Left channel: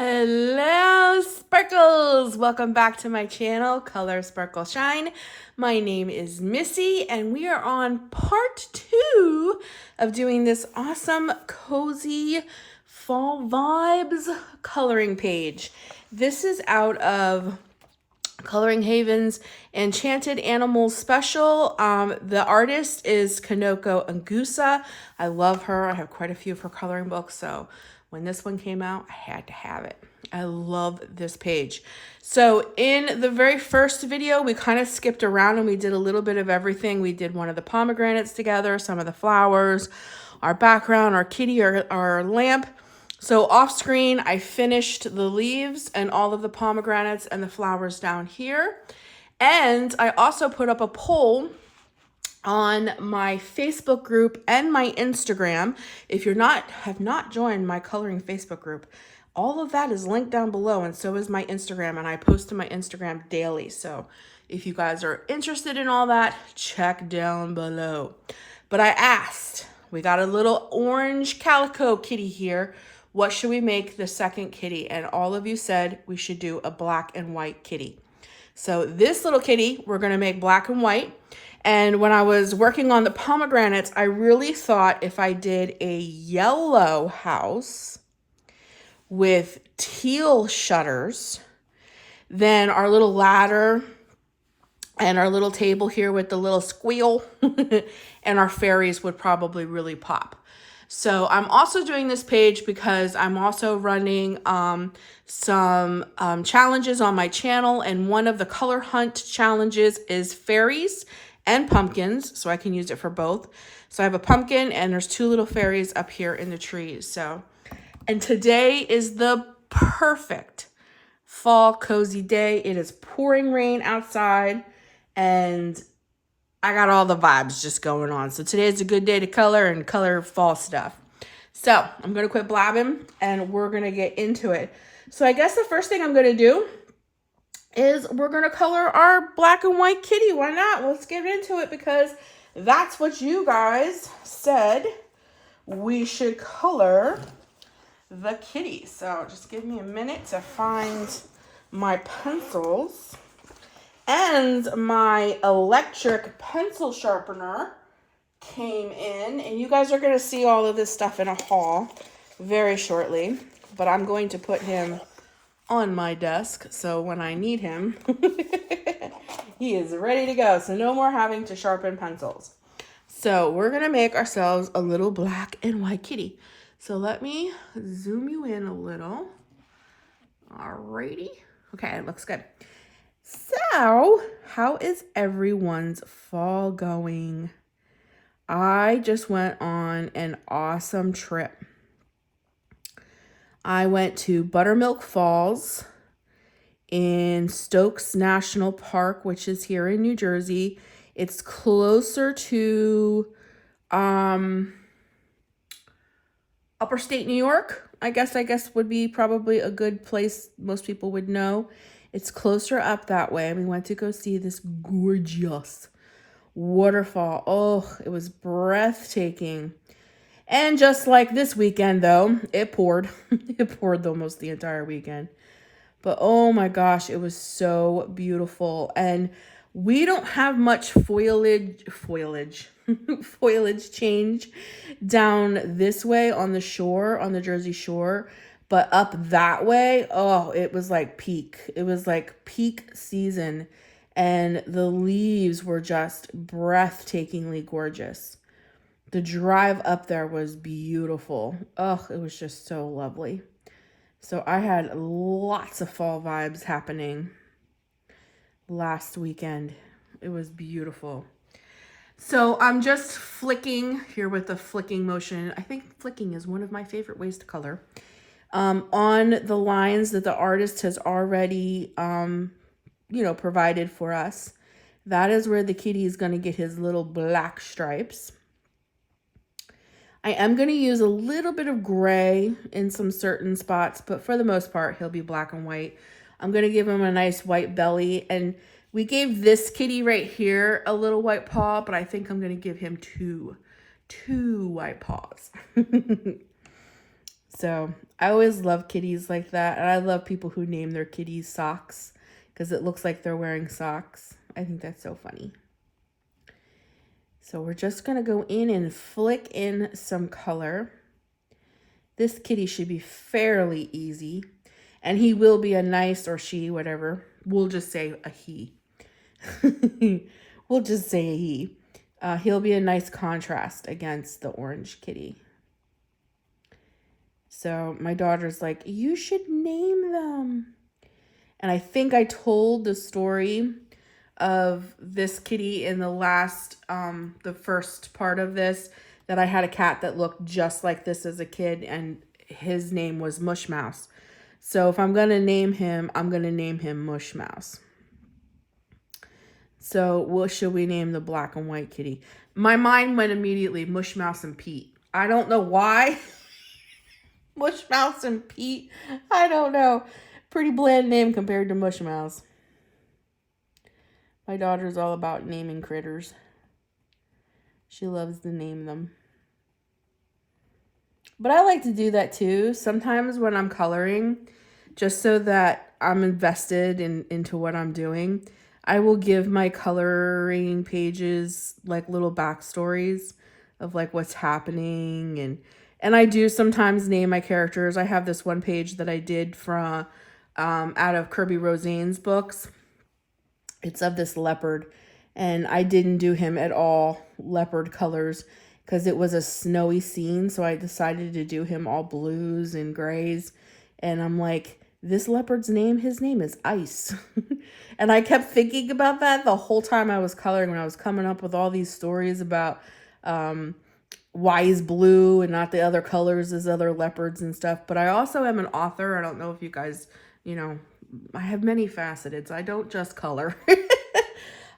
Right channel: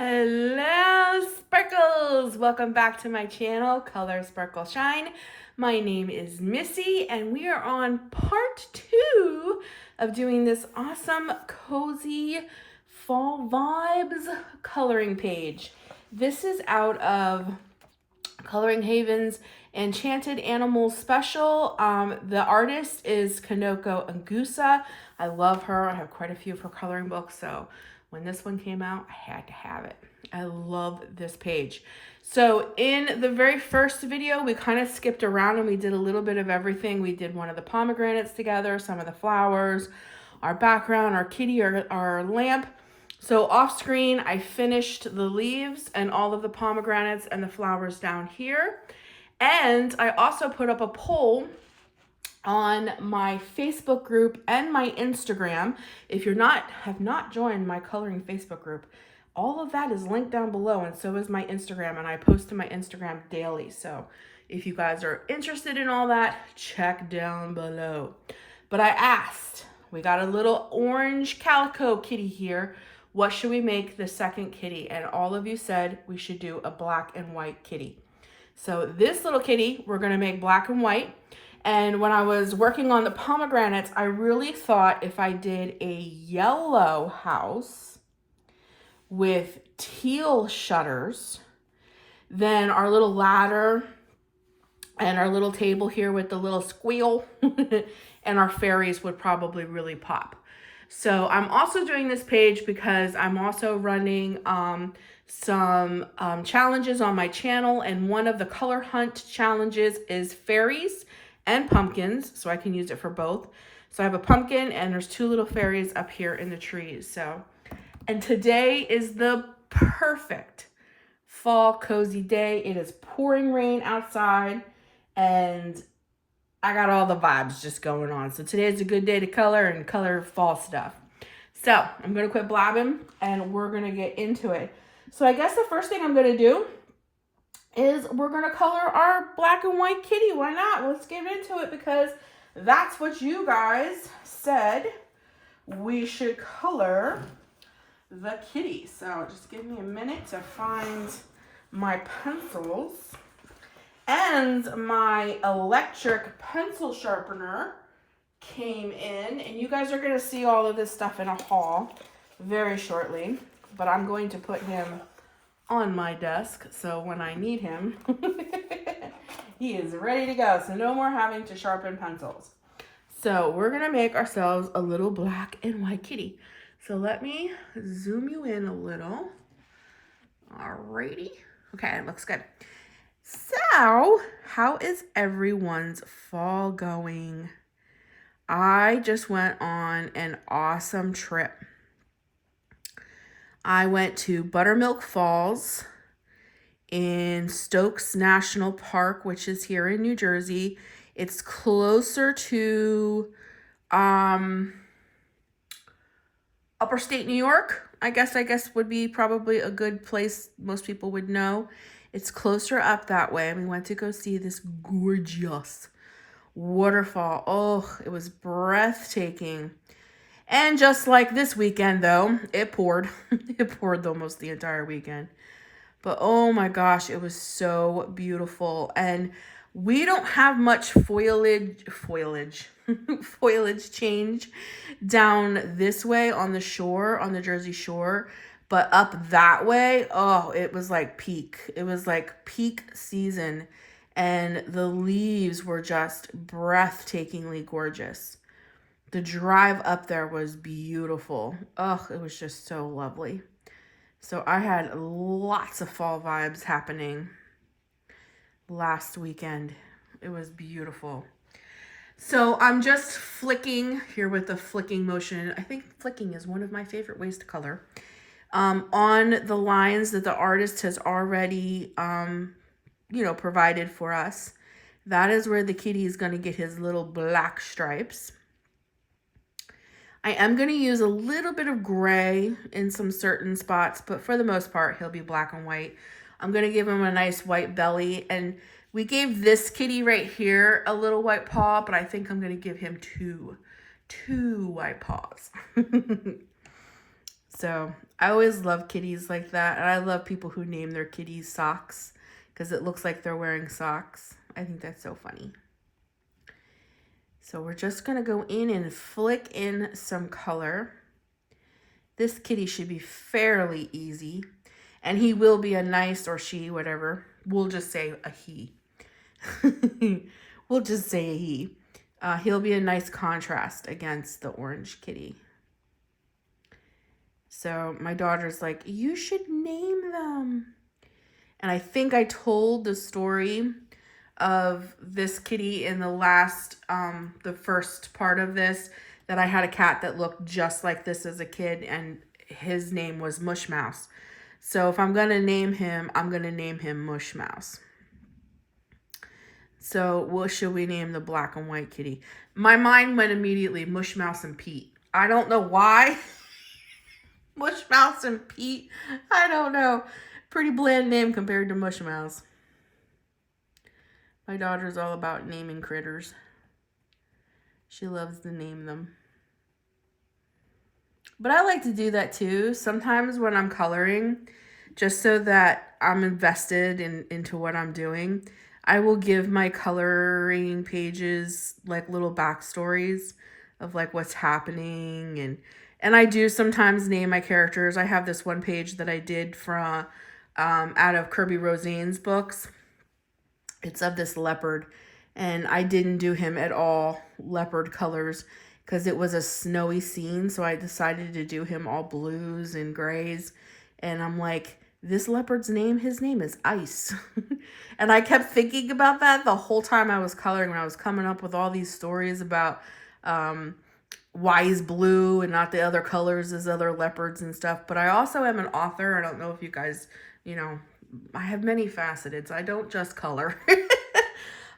Hello Sparkles! Welcome back to my channel, Color Sparkle Shine. My name is Missy and we are on part 2 of doing this awesome, cozy fall vibes coloring page. This is out of Coloring Haven's Enchanted Animals Special. The artist is Kameliya Angelkova. I love her. I have quite a few of her coloring books, so when this one came out, I had to have it. I love this page. So in the very first video, we kind of skipped around and we did a little bit of everything. We did one of the pomegranates together, some of the flowers, our background, our kitty, our lamp. So off screen, I finished the leaves and all of the pomegranates and the flowers down here. And I also put up a poll on my Facebook group and my Instagram. If you're have not joined my coloring Facebook group, all of that is linked down below, and so is my Instagram, and I post to my Instagram daily. So if you guys are interested in all that, check down below. But I asked, we got a little orange calico kitty here. What should we make the second kitty? And all of you said we should do a black and white kitty. So this little kitty, we're gonna make black and white. And when I was working on the pomegranates, I really thought if I did a yellow house with teal shutters, then our little ladder and our little table here with the little squeal and our fairies would probably really pop. So I'm also doing this page because I'm also running some challenges on my channel, and one of the color hunt challenges is fairies and pumpkins, so I can use it for both. So I have a pumpkin and there's 2 little fairies up here in the trees. And today is the perfect fall cozy day. It is pouring rain outside and I got all the vibes just going on. So today's a good day to color and color fall stuff. So I'm gonna quit blabbing and we're gonna get into it. So I guess the first thing I'm gonna do is we're gonna color our black and white kitty. Why not? Let's get into it because that's what you guys said we should color the kitty. So just give me a minute to find my pencils. And my electric pencil sharpener came in, and you guys are going to see all of this stuff in a haul very shortly, but I'm going to put him on my desk so when I need him, he is ready to go. So no more having to sharpen pencils. So we're going to make ourselves a little black and white kitty. So let me zoom you in a little. Alrighty. Okay, it looks good. So, how is everyone's fall going? I just went on an awesome trip. I went to Buttermilk Falls in Stokes National Park, which is here in New Jersey. It's closer to upper state New York. I guess would be probably a good place most people would know. It's closer up that way. We went to go see this gorgeous waterfall. Oh, it was breathtaking. And just like this weekend, though, it poured. It poured almost the entire weekend. But oh my gosh, it was so beautiful. And we don't have much foliage change down this way on the shore, on the Jersey Shore. But up that way, oh, it was like peak. It was like peak season. And the leaves were just breathtakingly gorgeous. The drive up there was beautiful. Oh, it was just so lovely. So I had lots of fall vibes happening last weekend. It was beautiful. So I'm just flicking here with the flicking motion. I think flicking is one of my favorite ways to color. On the lines that the artist has already, provided for us. That is where the kitty is going to get his little black stripes. I am going to use a little bit of gray in some certain spots, but for the most part, he'll be black and white. I'm going to give him a nice white belly, and we gave this kitty right here a little white paw, but I think I'm going to give him two white paws. So I always love kitties like that. And I love people who name their kitties socks because it looks like they're wearing socks. I think that's so funny. So we're just going to go in and flick in some color. This kitty should be fairly easy. And he will be a nice, or she, whatever. We'll just say a he. We'll just say a he. He'll be a nice contrast against the orange kitty. So my daughter's like, you should name them. And I think I told the story of this kitty in the last, the first part of this, that I had a cat that looked just like this as a kid, and his name was Mush Mouse. So if I'm going to name him, I'm going to name him Mush Mouse. So what should we name the black and white kitty? My mind went immediately Mush Mouse and Pete. I don't know why. Mush Mouse and Pete. I don't know. Pretty bland name compared to Mush Mouse. My daughter's all about naming critters. She loves to name them. But I like to do that too. Sometimes when I'm coloring, just so that I'm invested into what I'm doing, I will give my coloring pages like little backstories of like what's happening. And I do sometimes name my characters. I have this one page that I did from out of Kirby Rosane's books. It's of this leopard, and I didn't do him at all leopard colors because it was a snowy scene, so I decided to do him all blues and grays. And I'm like, this leopard's name, his name is Ice. And I kept thinking about that the whole time I was coloring, when I was coming up with all these stories about why he's blue and not the other colors as other leopards and stuff. But I also am an author. I don't know if you guys, I have many facets. I don't just color.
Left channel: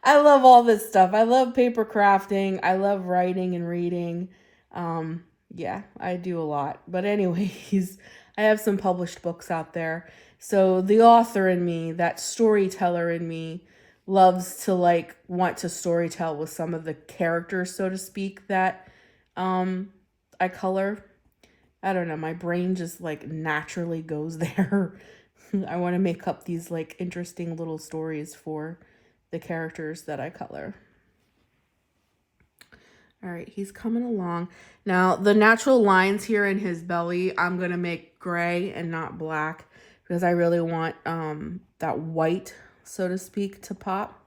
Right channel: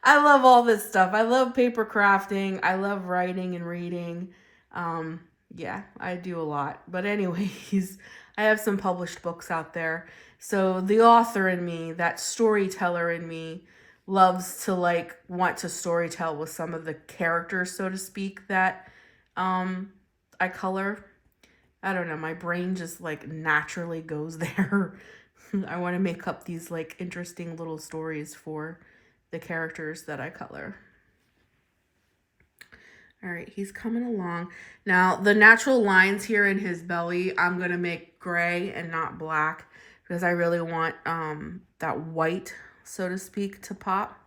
I love all this stuff. I love paper crafting. I love writing and reading. Yeah, I do a lot. But anyways, I have some published books out there. So the author in me, that storyteller in me, loves to want to storytell with some of the characters, so to speak, that I color. I don't know. My brain just naturally goes there. I want to make up these interesting little stories for the characters that I color. All right, he's coming along. Now, the natural lines here in his belly, I'm going to make gray and not black because I really want that white, so to speak, to pop.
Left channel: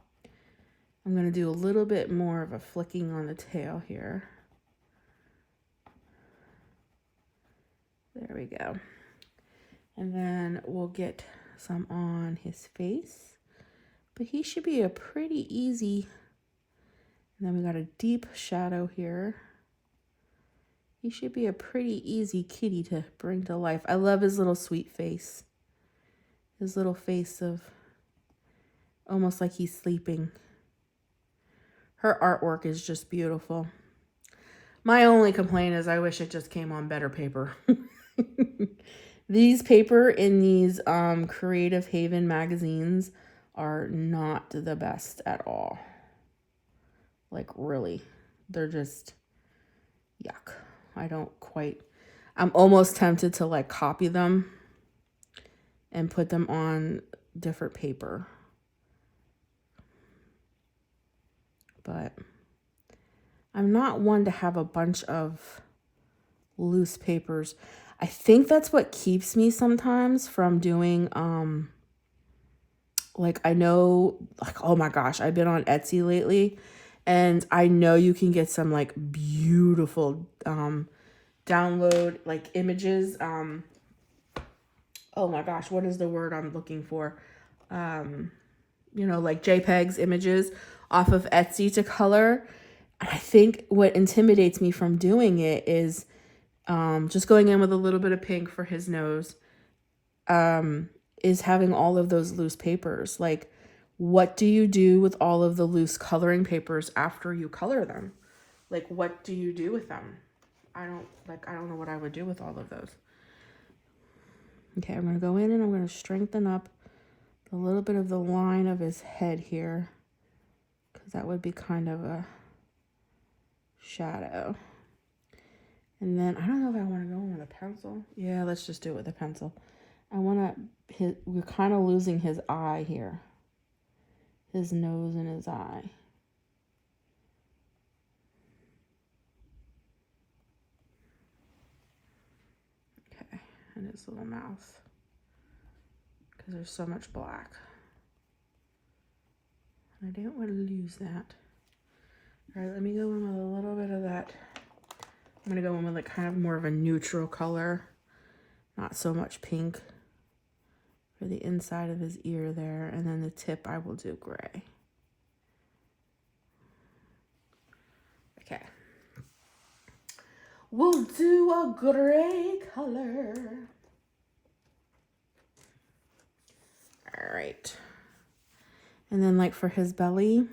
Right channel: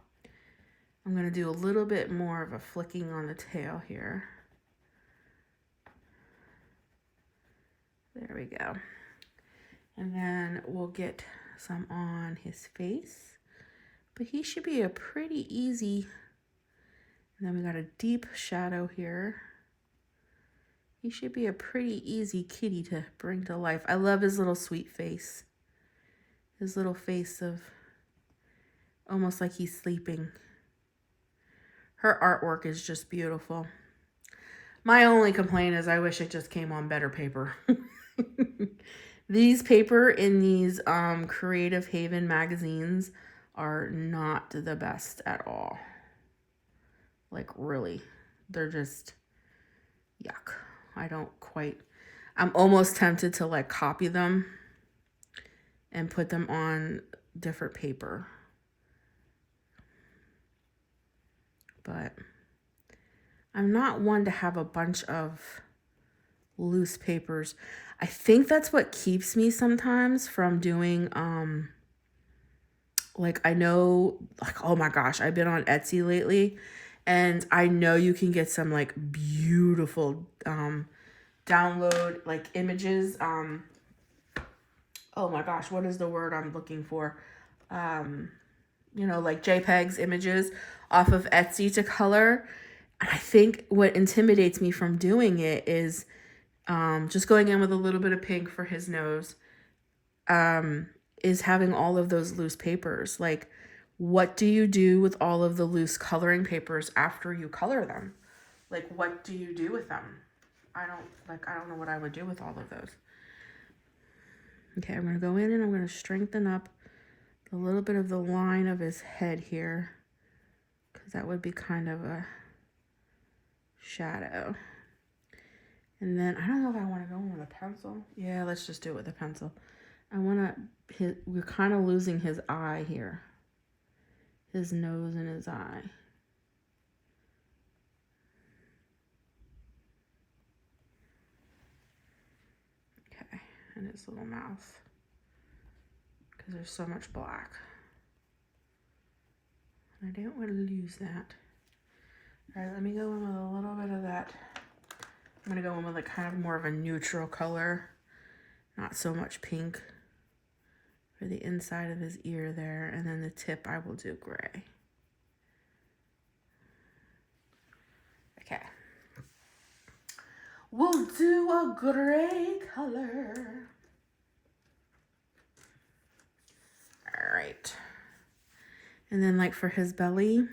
I'm going to do a little bit more of a flicking on the tail here. There we go. And then we'll get some on his face. But he should be a pretty easy. And then we got a deep shadow here. He should be a pretty easy kitty to bring to life. I love his little sweet face. His little face of almost like he's sleeping. Her artwork is just beautiful. My only complaint is I wish it just came on better paper. These paper in these Creative Haven magazines are not the best at all. Really, they're just yuck. I'm almost tempted to copy them and put them on different paper. But I'm not one to have a bunch of loose papers. I think that's what keeps me sometimes from doing, I know, oh my gosh, I've been on Etsy lately, and I know you can get some beautiful download images. Oh my gosh, what is the word I'm looking for? JPEGs, images off of Etsy to color. And I think what intimidates me from doing it is just going in with a little bit of pink for his nose, is having all of those loose papers. What do you do with all of the loose coloring papers after you color them? What do you do with them? I don't know what I would do with all of those. Okay, I'm going to go in and I'm going to strengthen up a little bit of the line of his head here, because that would be kind of a shadow. And then, I don't know if I want to go in with a pencil. Yeah, let's just do it with a pencil. I want to, we're kind of losing his eye here. His nose and his eye. Okay, and his little mouth. Because there's so much black. I don't want to lose that. All right, let me go in with a little bit of that. I'm going to go in with like kind of more of a neutral color. Not so much pink. For the inside of his ear there. And then the tip I will do gray. Okay. We'll do a gray color. All right. And then like for his belly,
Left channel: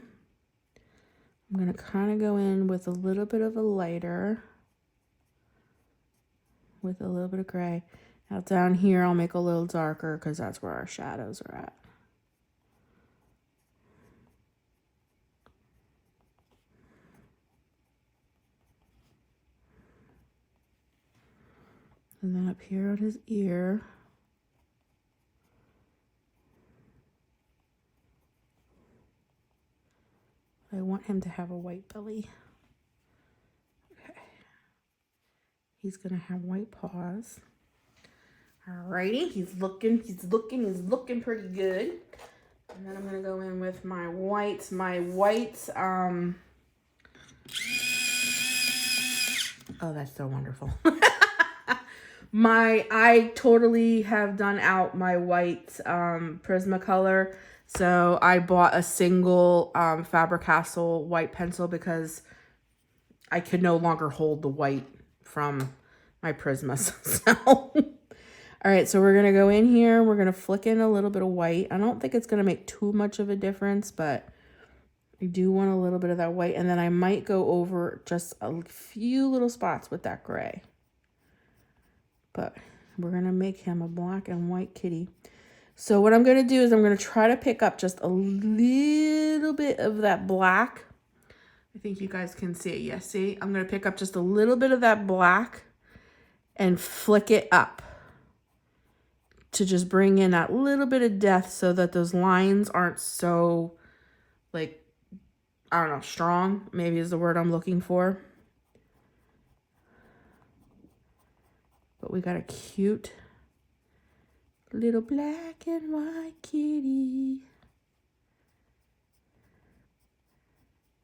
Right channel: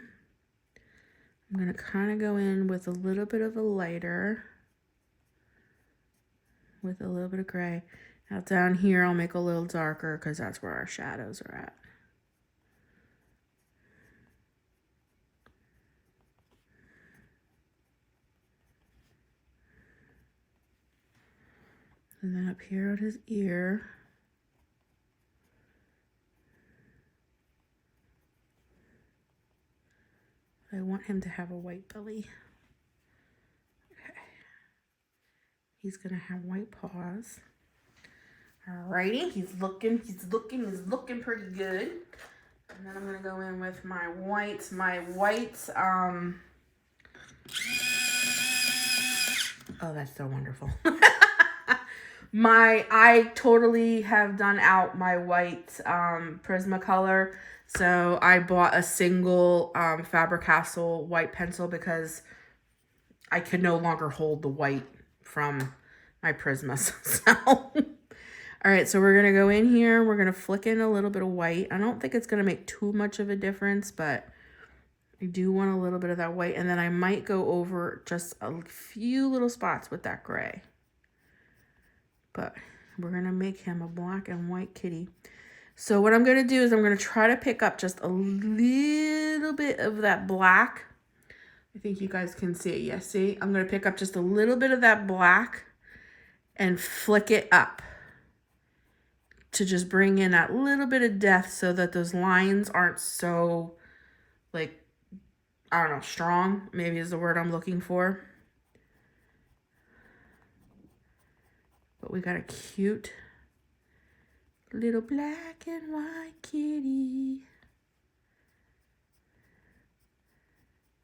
I'm going to kind of go in with a little bit of a lighter. With a little bit of gray. Now down here, I'll make a little darker because that's where our shadows are at. And then up here on his ear. I want him to have a white belly. Okay. He's going to have white paws. Alrighty, he's looking pretty good. And then I'm going to go in with my whites. Oh, that's so wonderful. I totally have done out my white Prismacolor. So I bought a single Faber-Castell white pencil because I could no longer hold the white from my Prismas. So, all right, so we're going to go in here. We're going to flick in a little bit of white. I don't think it's going to make too much of a difference, but I do want a little bit of that white. And then I might go over just a few little spots with that gray. But we're going to make him a black and white kitty. So what I'm going to do is I'm going to try to pick up just a little bit of that black. I think you guys can see it. Yes, see? I'm going to pick up just a little bit of that black and flick it up to just bring in that little bit of depth so that those lines aren't so, like, I don't know, strong, maybe is the word I'm looking for. But we got a cute little black and white kitty.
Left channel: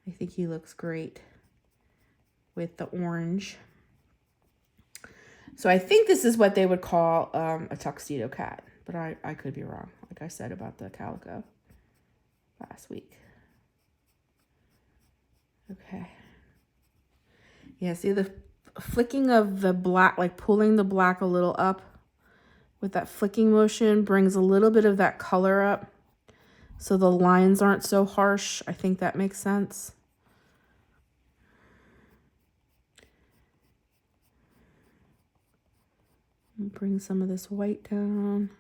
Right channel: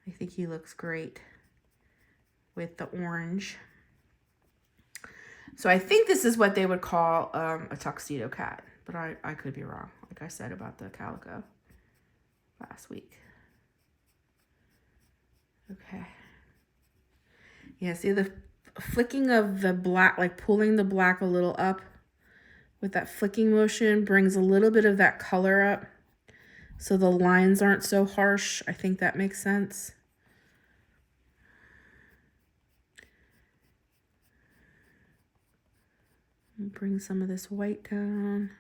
I think he looks great with the orange. So I think this is what they would call a tuxedo cat, but I could be wrong, like I said about the calico last week. Okay. Yeah, see the flicking of the black, like pulling the black a little up with that flicking motion brings a little bit of that color up so the lines aren't so harsh. I think that makes sense. Bring some of this white down.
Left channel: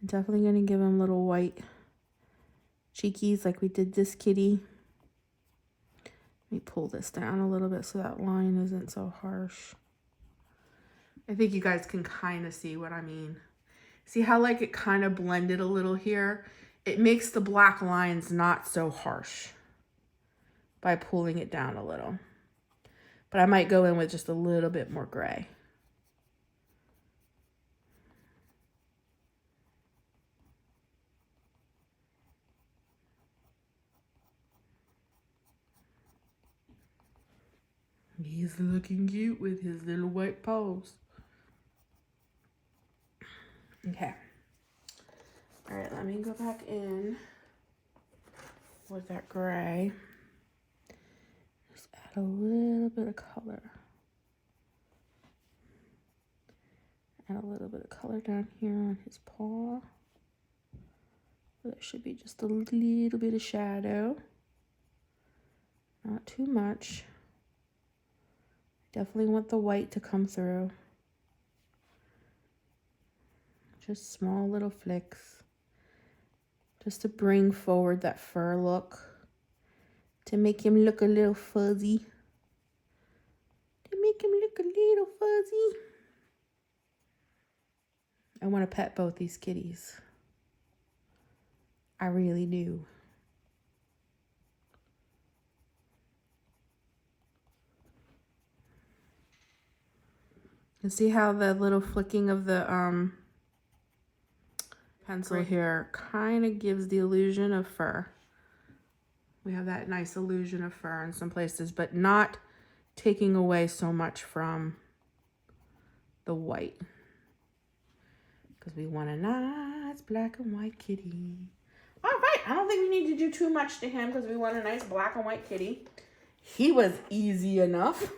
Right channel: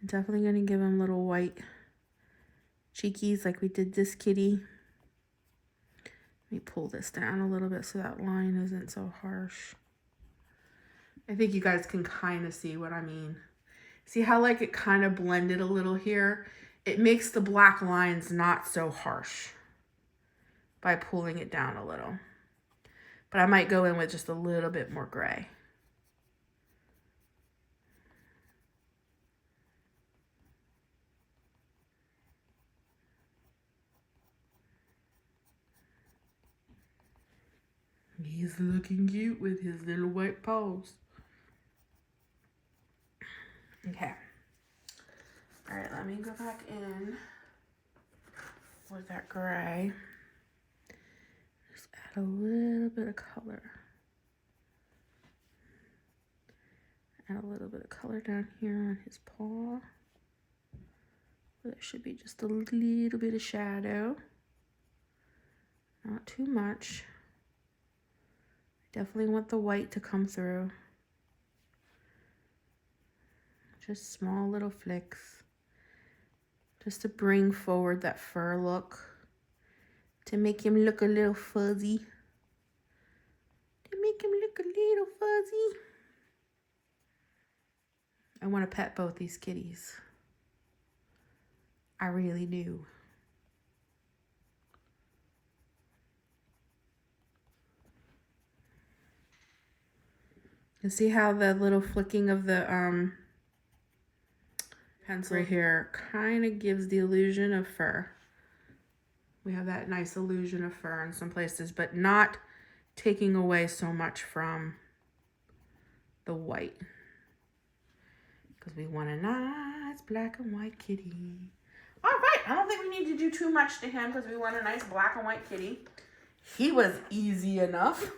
I'm definitely going to give him little white cheekies like we did this kitty. Let me pull this down a little bit so that line isn't so harsh. I think you guys can kind of see what I mean. See how like it kind of blended a little here? It makes the black lines not so harsh by pulling it down a little. But I might go in with just a little bit more gray. He's looking cute with his little white paws. Okay. All right, let me go back in with that gray. Just add a little bit of color. Add a little bit of color down here on his paw. There should be just a little bit of shadow. Not too much. Definitely want the white to come through. Just small little flicks. Just to bring forward that fur look. To make him look a little fuzzy. To make make him look a little fuzzy. I want to pet both these kitties. I really do. You see how the little flicking of the pencil right here kind of gives the illusion of fur. We have that nice illusion of fur in some places, but not taking away so much from the white. Because we want a nice black and white kitty. All right, I don't think we need to do too much to him because we want a nice black and white kitty. He was easy enough.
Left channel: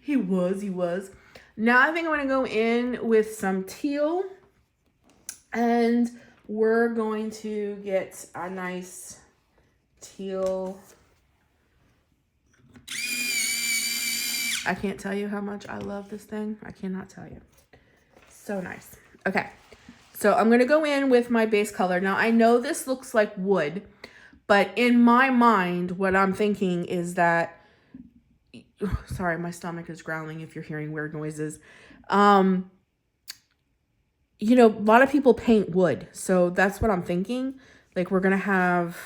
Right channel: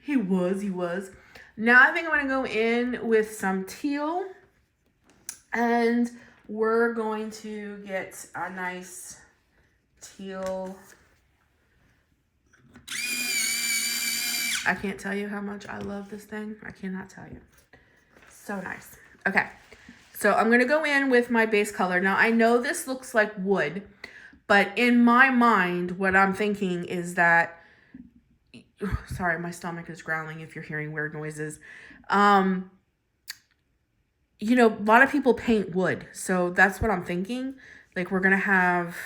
He was. Now I think I'm going to go in with some teal. And we're going to get a nice teal. I can't tell you how much I love this thing. I cannot tell you. So nice. Okay. So I'm going to go in with my base color. Now I know this looks like wood, but in my mind, what I'm thinking is that, sorry, my stomach is growling if you're hearing weird noises. You know, a lot of people paint wood. So that's what I'm thinking. Like we're going to have,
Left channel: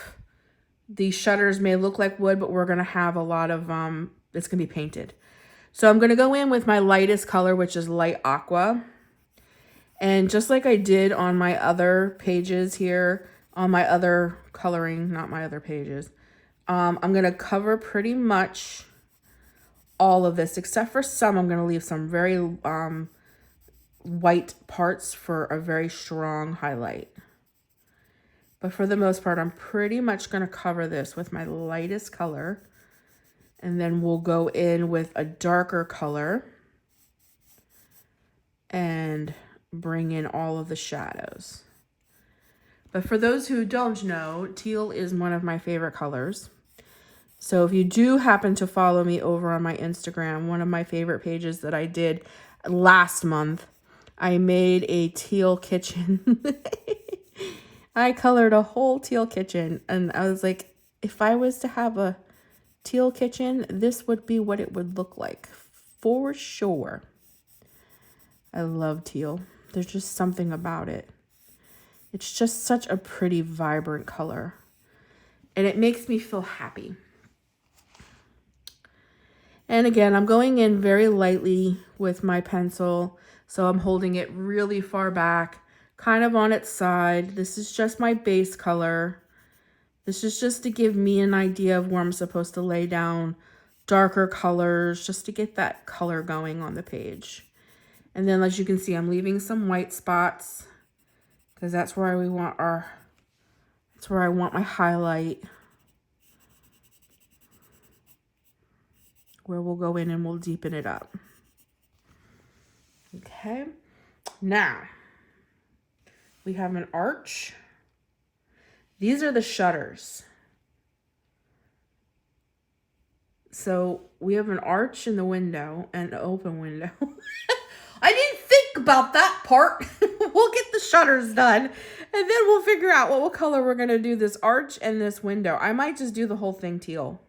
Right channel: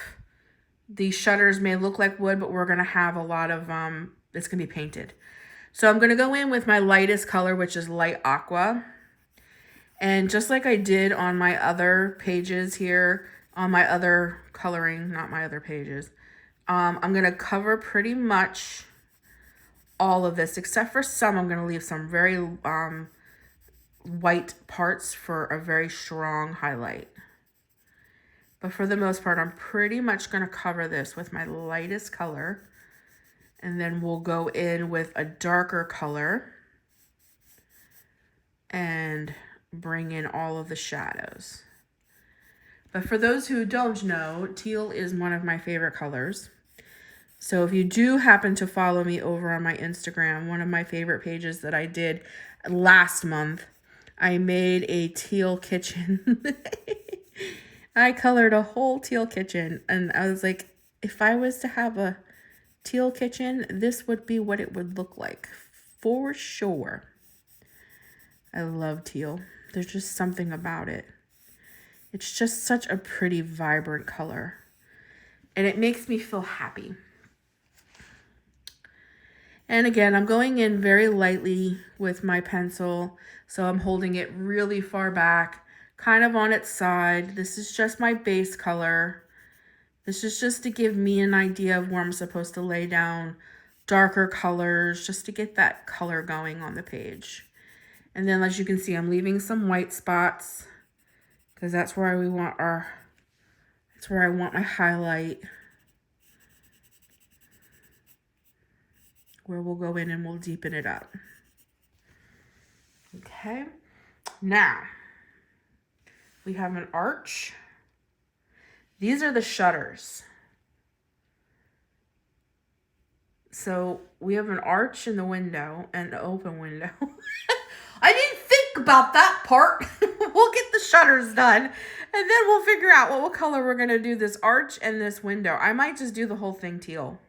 these shutters may look like wood, but we're going to have a lot of, it's going to be painted. So I'm going to go in with my lightest color, which is light aqua. And just like I did on my other pages here, on my other coloring, not my other pages, I'm going to cover pretty much all of this, except for some. I'm going to leave some very white parts for a very strong highlight. But for the most part, I'm pretty much going to cover this with my lightest color. And then we'll go in with a darker color and bring in all of the shadows. But for those who don't know, teal is one of my favorite colors. So if you do happen to follow me over on my Instagram, one of my favorite pages that I did last month, I made a teal kitchen. I colored a whole teal kitchen, and I was like, if I was to have a teal kitchen, this would be what it would look like for sure. I love teal. There's just something about it. It's just such a pretty, vibrant color, and it makes me feel happy. And again, I'm going in very lightly with my pencil. So I'm holding it really far back, kind of on its side. This is just my base color. This is just to give me an idea of where I'm supposed to lay down darker colors, just to get that color going on the page. And then as you can see, I'm leaving some white spots because that's where we want our, that's where I want my highlight. Where we'll go in and we'll deepen it up. Okay, now we have an arch. These are the shutters. So we have an arch in the window and an open window. I didn't think about that part. We'll get the shutters done and then we'll figure out what color we're going to do this arch and this window. I might just do the whole thing teal.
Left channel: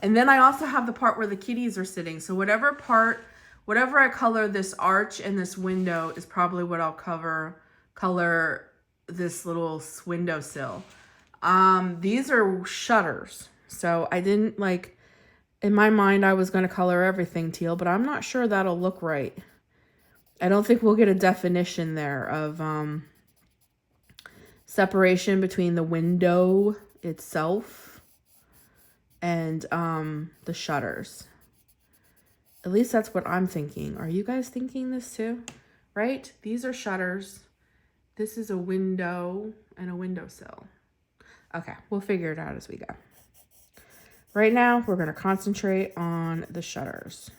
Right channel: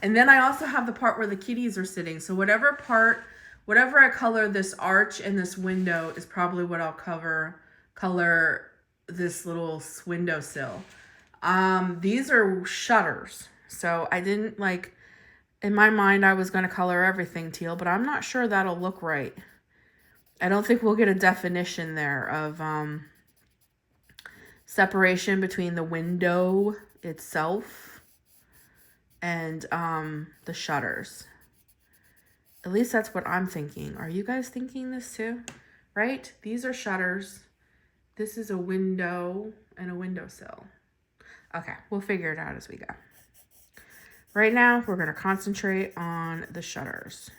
And then I also have the part where the kitties are sitting. So whatever I color this arch and this window is probably what I'll color this little windowsill. These are shutters. So I didn't like, in my mind, I was going to color everything teal, but I'm not sure that'll look right. I don't think we'll get a definition there of separation between the window itself and the shutters. At least that's what I'm thinking. Are you guys thinking this too? Right? These are shutters. This is a window and a windowsill. Okay, we'll figure it out as we go. Right now, we're going to concentrate on the shutters.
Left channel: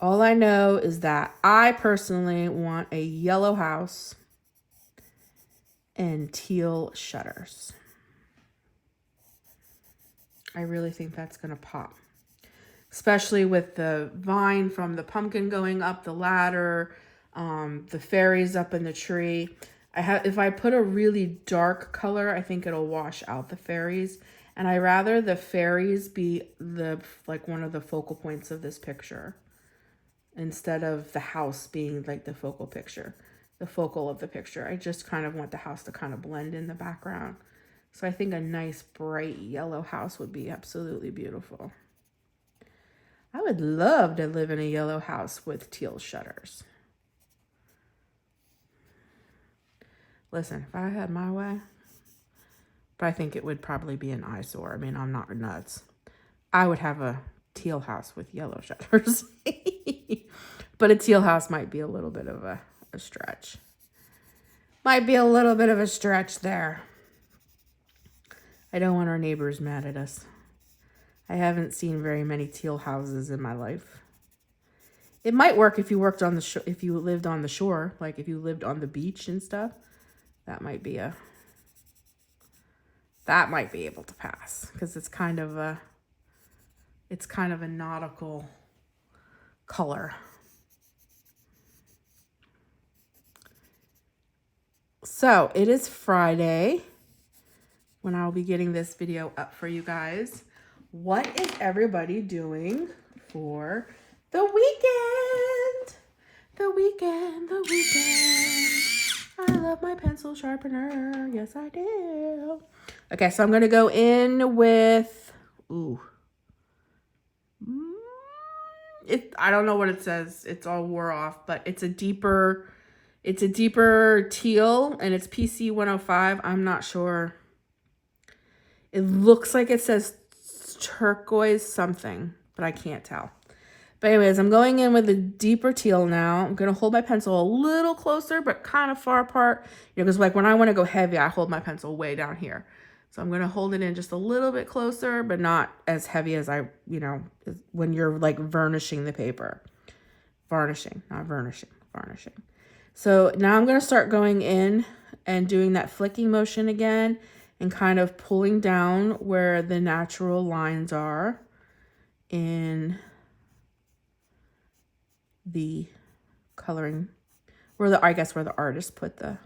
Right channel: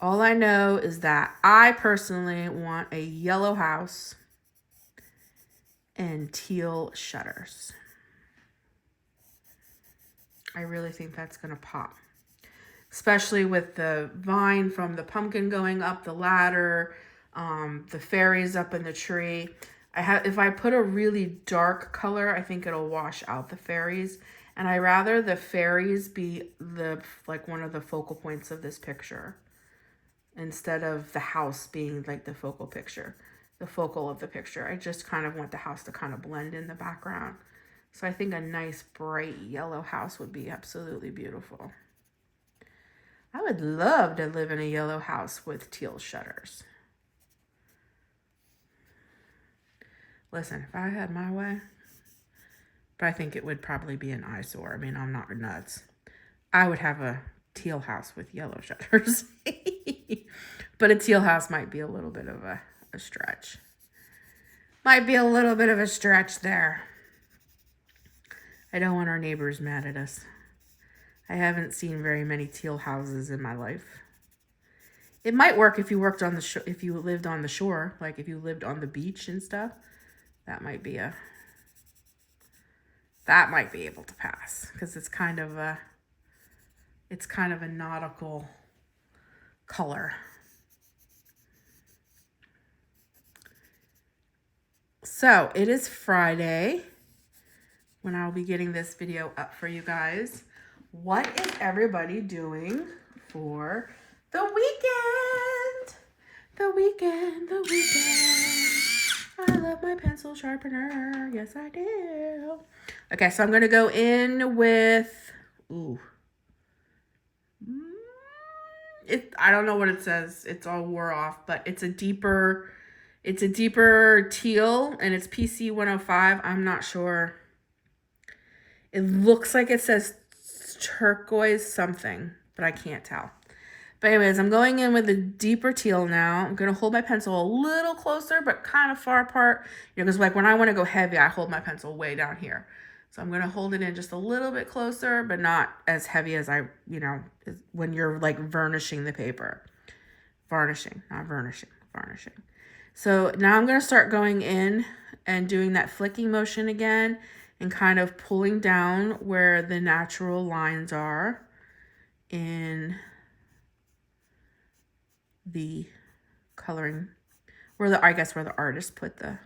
All I know is that I personally want a yellow house and teal shutters. I really think that's going to pop. Especially with the vine from the pumpkin going up the ladder, the fairies up in the tree. If I put a really dark color, I think it'll wash out the fairies. And I rather the fairies be like one of the focal points of this picture instead of the house being like the focal of the picture. I just kind of want the house to kind of blend in the background. So I think a nice bright yellow house would be absolutely beautiful. I would love to live in a yellow house with teal shutters. Listen, if I had my way, but I think it would probably be an eyesore. I mean, I'm not nuts. I would have a teal house with yellow shutters. But a teal house might be a little bit of a stretch. Might be a little bit of a stretch there. I don't want our neighbors mad at us. I haven't seen very many teal houses in my life. It might work if you worked on the if you lived on the shore, like if you lived on the beach and stuff. That might be able to pass because it's kind of a nautical color. So it is Friday when I'll be getting this video up for you guys. What is everybody doing for the weekend? The weekend. I love my pencil sharpener. Yes, I do. Okay, so I'm going to go in with, I don't know what it says. It's all wore off, but it's a deeper teal and it's PC 105. I'm not sure. It looks like it says turquoise something, but I can't tell. But anyways, I'm going in with a deeper teal now. I'm going to hold my pencil a little closer, but kind of far apart. You know, because like when I want to go heavy, I hold my pencil way down here. So I'm going to hold it in just a little bit closer, but not as heavy as when you're like vernishing the paper. Varnishing, not vernishing, varnishing. So now I'm going to start going in and doing that flicking motion again and kind of pulling down where the natural lines are in the coloring, where the artist put the,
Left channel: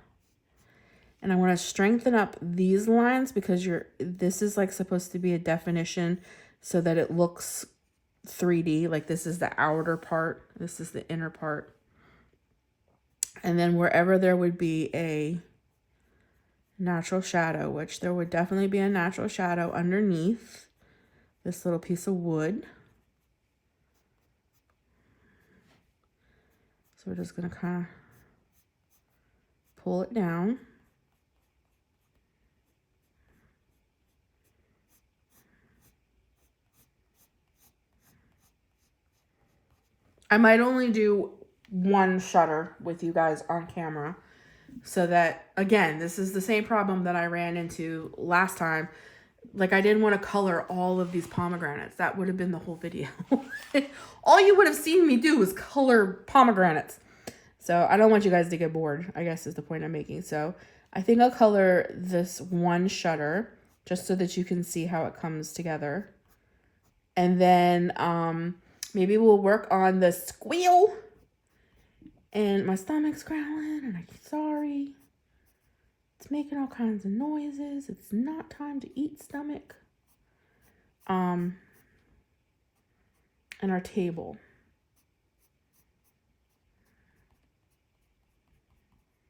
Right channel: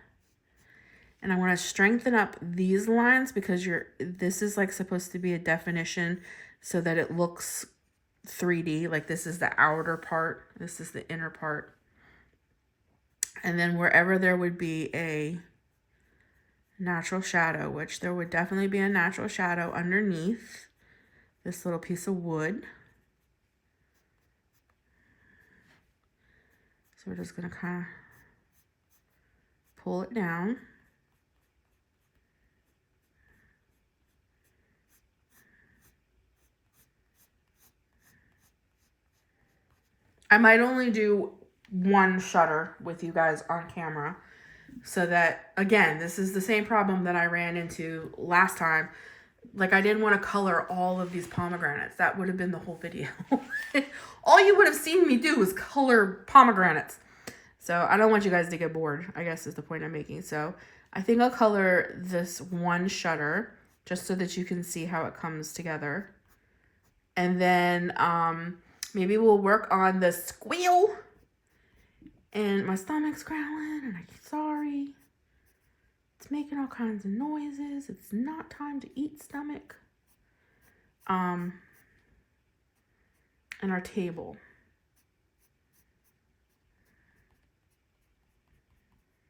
and I want to strengthen up these lines because this is like supposed to be a definition so that it looks 3D. Like this is the outer part, this is the inner part. And then wherever there would be a natural shadow, which there would definitely be a natural shadow underneath this little piece of wood. So we're just going to kind of pull it down. I might only do one shutter with you guys on camera so that, again, this is the same problem that I ran into last time. Like I didn't want to color all of these pomegranates. That would have been the whole video. All you would have seen me do was color pomegranates. So I don't want you guys to get bored, I guess is the point I'm making. So I think I'll color this one shutter just so that you can see how it comes together. And then maybe we'll work on the squeal. And my stomach's growling and I'm sorry. It's making all kinds of noises. It's not time to eat, stomach. And our table.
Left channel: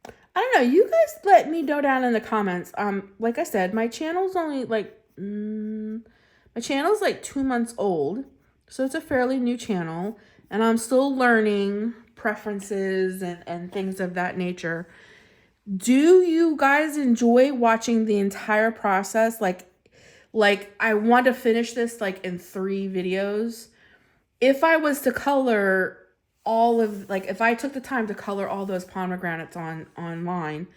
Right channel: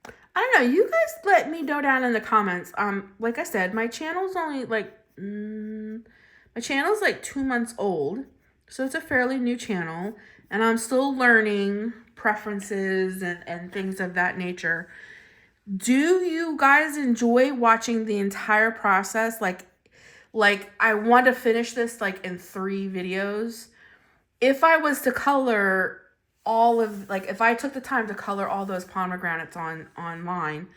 I don't know. You guys let me know down in the comments. Like I said, my channel's only like, my channel's like 2 months old. So it's a fairly new channel. And I'm still learning preferences and things of that nature. Do you guys enjoy watching the entire process? Like I want to finish this like in 3 videos. If I was to color all of, like if I took the time to color all those pomegranates online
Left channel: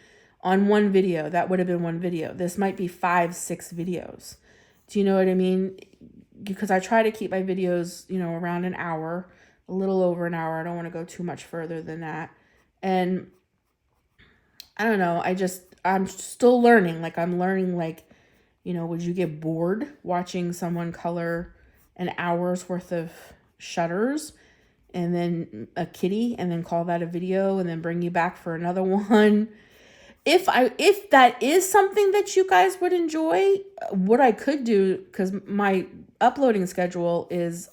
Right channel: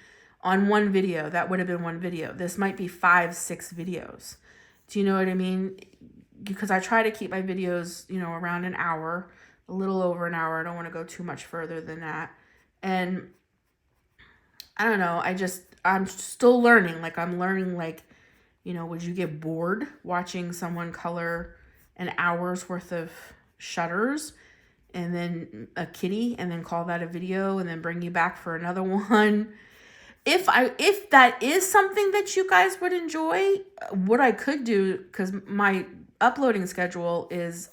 on one video, that would have been one video. This might be 5-6 videos. Do you know what I mean? Because I try to keep my videos, around an hour, a little over an hour. I don't want to go too much further than that. And I don't know. I'm still learning. Like I'm learning, like, would you get bored watching someone color an hour's worth of shutters and then a kitty and then call that a video and then bring you back for another one? if that is something that you guys would enjoy, what I could do, because my uploading schedule is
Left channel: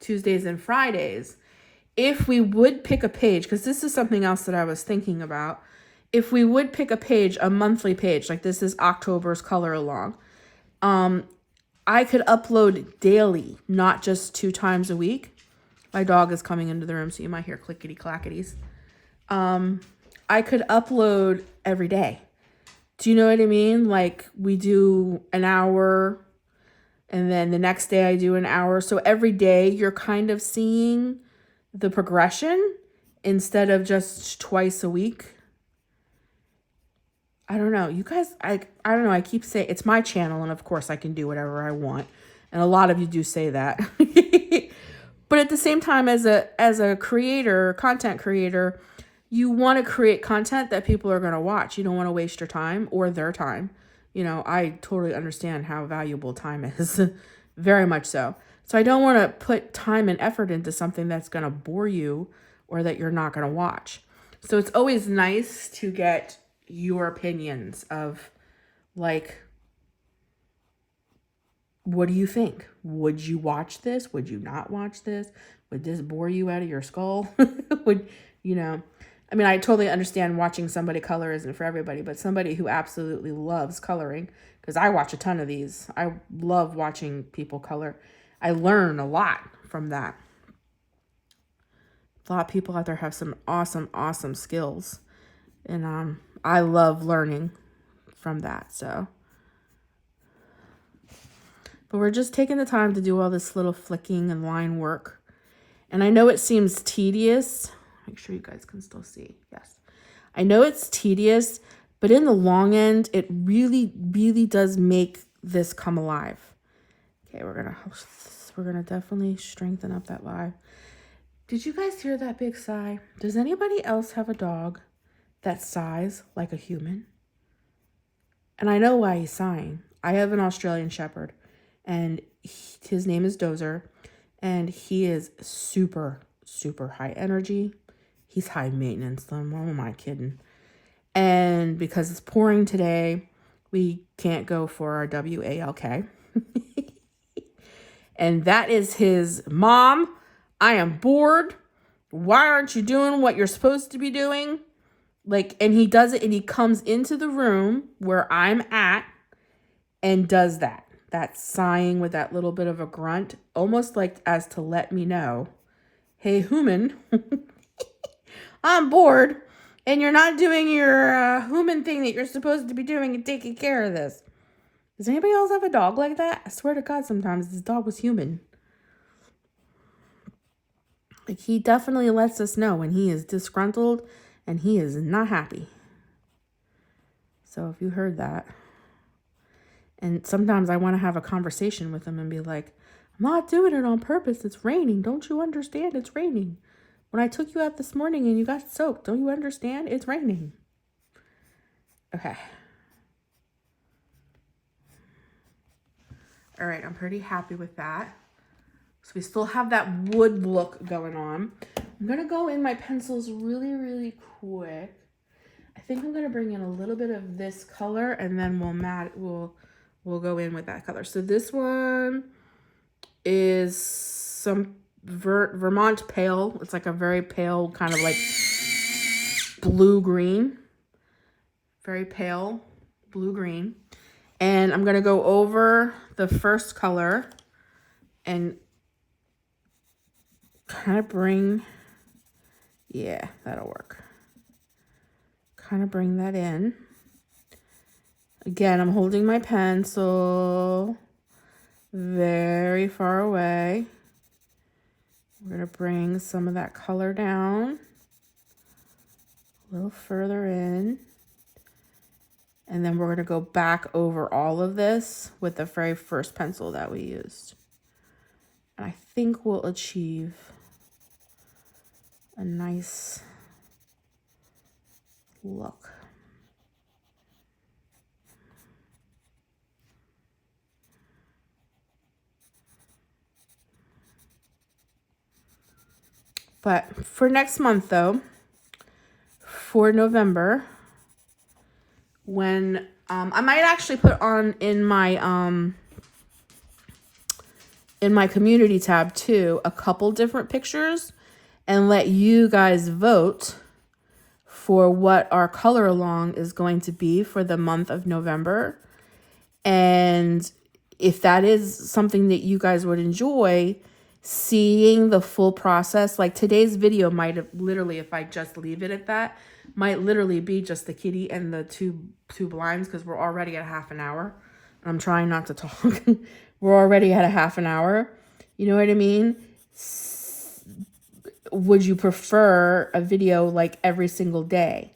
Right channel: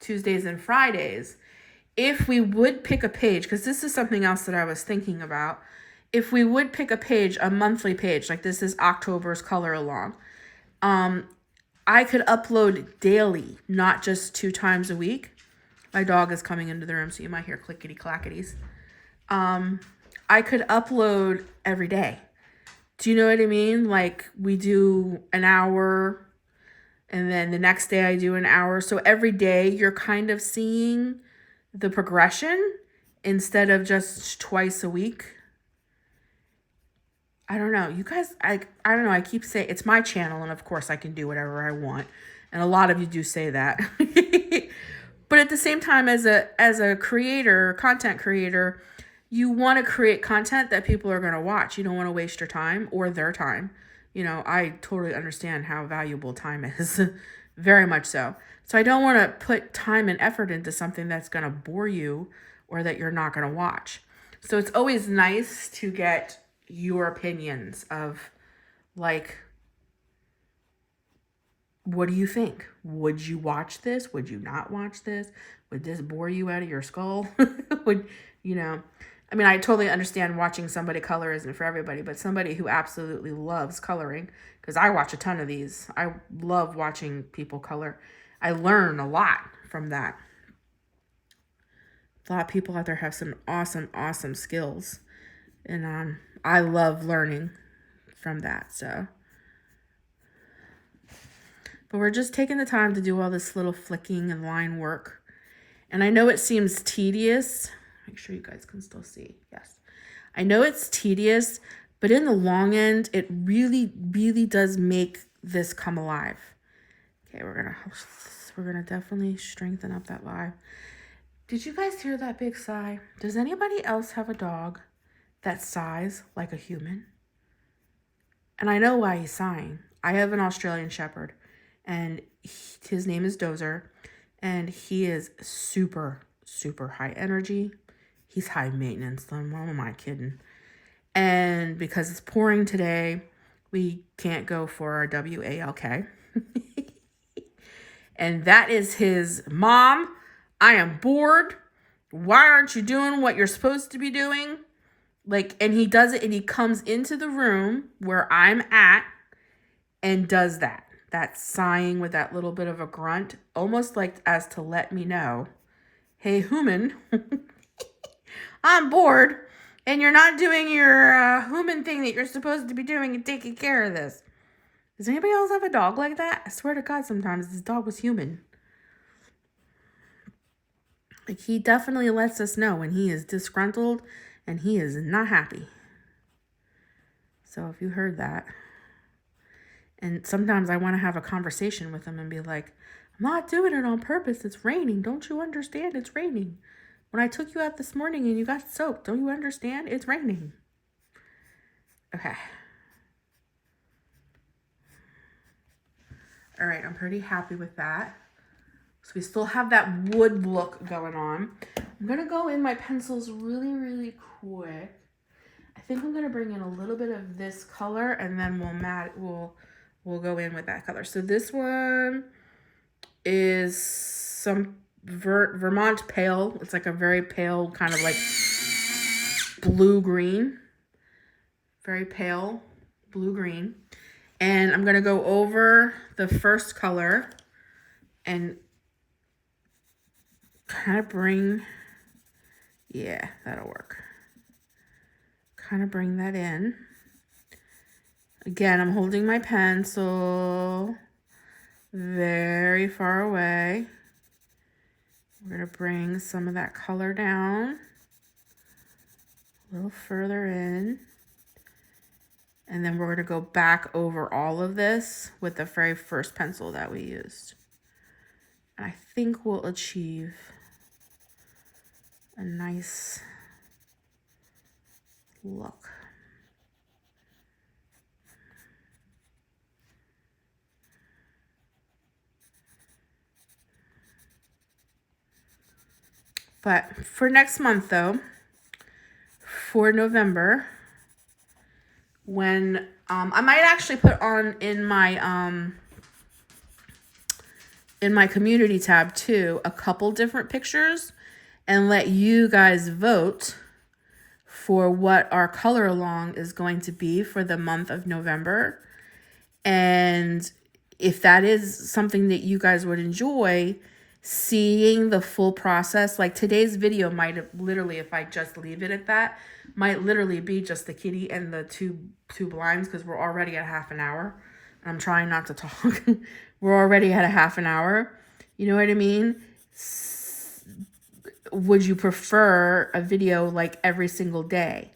Tuesdays and Fridays. If we would pick a page, because this is something else that I was thinking about, if we would pick a page, a monthly page, like this is October's color along, I could upload daily, not just 2 times a week. My dog is coming into the room, so you might hear clickety clackities. I could upload every day. Do you know what I mean? Like we do an hour, and then the next day I do an hour. So every day you're kind of seeing the progression instead of just twice a week. I don't know. You guys, I don't know. I keep saying it's my channel, and of course I can do whatever I want. And a lot of you do say that. But at the same time, as a creator, content creator, you want to create content that people are going to watch. You don't want to waste your time or their time. You know, I totally understand how valuable time is. Very much so. So I don't want to put time and effort into something that's going to bore you or that you're not going to watch. So it's always nice to get your opinions of, like, what do you think? Would you watch this? Would you not watch this? Would this bore you out of your skull? Would, you know, I mean, I totally understand watching somebody color isn't for everybody, but somebody who absolutely loves coloring, because I watch a ton of these. I love watching people color. I learn a lot from that. A lot of people out there have some awesome, awesome skills. And I love learning from that. So, but we're just taking the time to do all this little flicking and line work. And I know it seems tedious. Make sure you guys can still see. Yes. I know it's tedious, but in the long end, it really, really does make this come alive. Okay, we're gonna definitely strengthen up that live. Did you guys hear that big sigh? Does anybody else have a dog that sighs like a human? And I know why he's sighing. I have an Australian Shepherd, and his name is Dozer, and he is super, super high energy. He's high maintenance, though. What am I kidding? And because it's pouring today, we can't go for our WALK. And that is his mom. I am bored. Why aren't you doing what you're supposed to be doing? Like, and he does it, and he comes into the room where I'm at and does that. That sighing with that little bit of a grunt, almost like as to let me know, hey, human, I'm bored, and you're not doing your human thing that you're supposed to be doing and taking care of this. Does anybody else have a dog like that? I swear to God, sometimes this dog was human. Like, he definitely lets us know when he is disgruntled and he is not happy. So if you heard that. And sometimes I want to have a conversation with him and be like, I'm not doing it on purpose. It's raining. Don't you understand? It's raining. When I took you out this morning and you got soaked, don't you understand? It's raining. Okay. All right, I'm pretty happy with that. So we still have that wood look going on. I'm going to go in my pencils really, really quick. I think I'm going to bring in a little bit of this color, and then we'll go in with that color. So this one is some Vermont pale. It's like a very pale kind of like blue-green. Very pale blue-green. And I'm going to go over the first color and kind of bring, yeah, that'll work. Kind of bring that in. Again, I'm holding my pencil very far away. We're going to bring some of that color down a little further in. And then we're going to go back over all of this with the very first pencil that we used. And I think we'll achieve a nice look. But for next month, though, for November, when I might actually put on in my community tab too a couple different pictures and let you guys vote for what our color along is going to be for the month of November. And if that is something that you guys would enjoy, seeing the full process, like today's video might have literally, if I just leave it at that, might literally be just the kitty and the two blinds, because we're already at half an hour. I'm trying not to talk. We're already at a half an hour. You know what I mean? Would you prefer a video like every single day?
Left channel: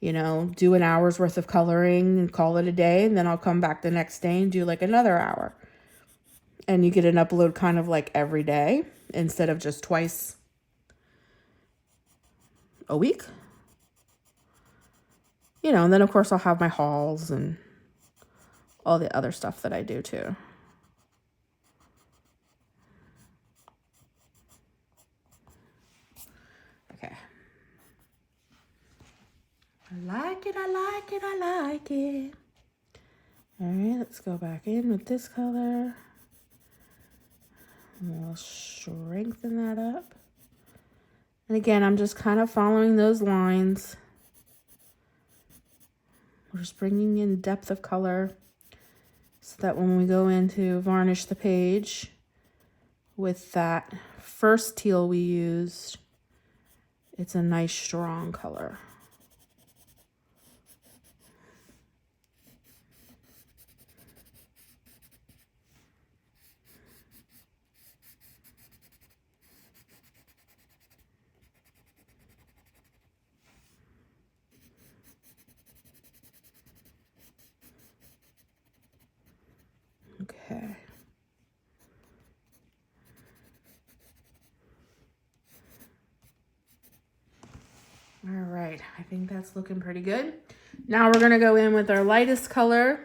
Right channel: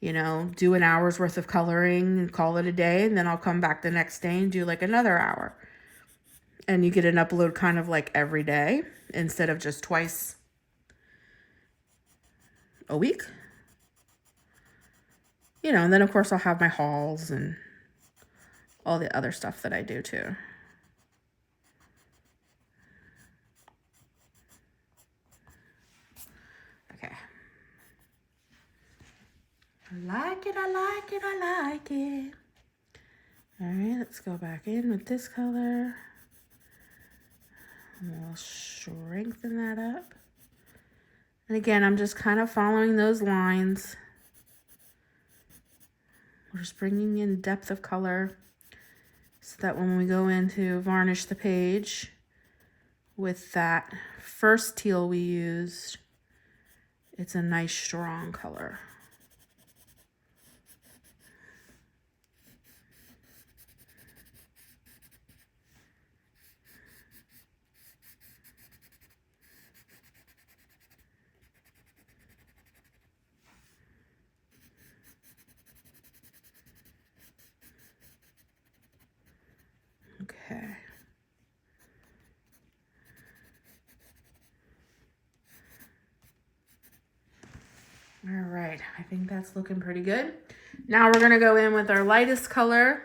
You know, do an hour's worth of coloring and call it a day, and then I'll come back the next day and do like another hour. And you get an upload kind of like every day instead of just twice a week. You know, and then of course I'll have my hauls and all the other stuff that I do too. Okay. I like it, I like it, I like it. All right, let's go back in with this color. And we'll strengthen that up. And again, I'm just kind of following those lines. We're just bringing in depth of color so that when we go in to varnish the page with that first teal we used, it's a nice strong color. Okay. All right, I think that's looking pretty good. Now we're gonna go in with our lightest color.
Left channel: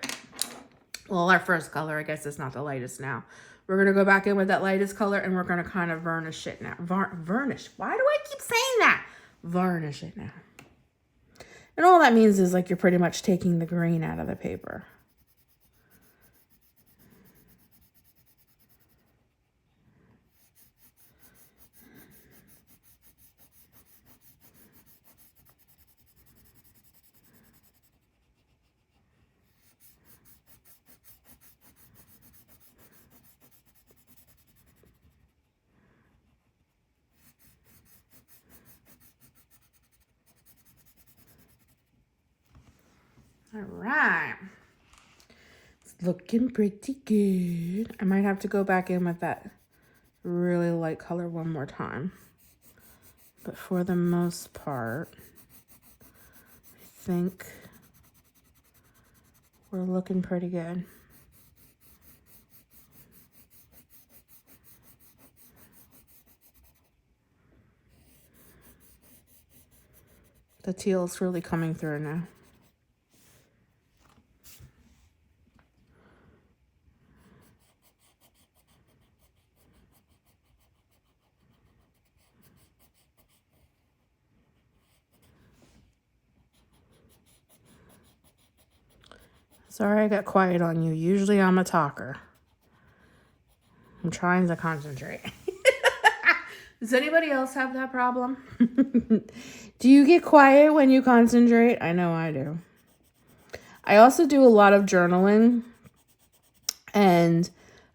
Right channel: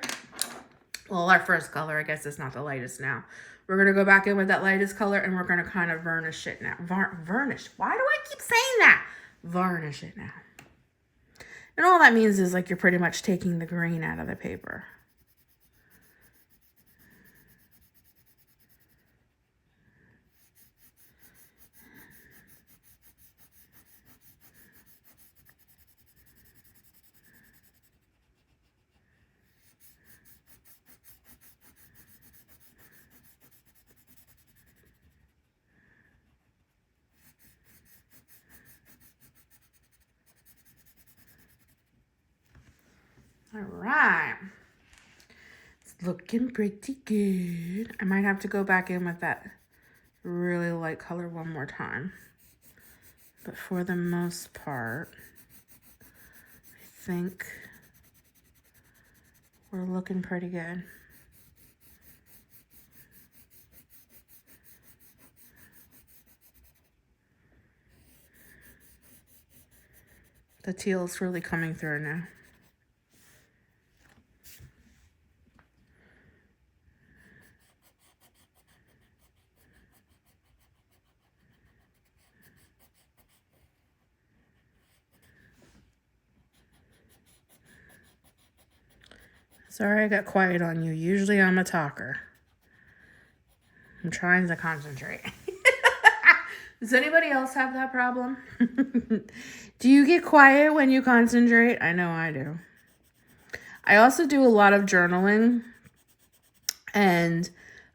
Well, our first color, I guess it's not the lightest now. We're gonna go back in with that lightest color and we're gonna kind of varnish it now. Varnish, why do I keep saying that? Varnish it now. And all that means is like you're pretty much taking the green out of the paper. All right. It's looking pretty good. I might have to go back in with that really light color one more time. But for the most part, I think we're looking pretty good. The teal is really coming through now. Sorry I got quiet on you. Usually I'm a talker. I'm trying to concentrate. Does anybody else have that problem? Do you get quiet when you concentrate? I know I do. I also do a lot of journaling. And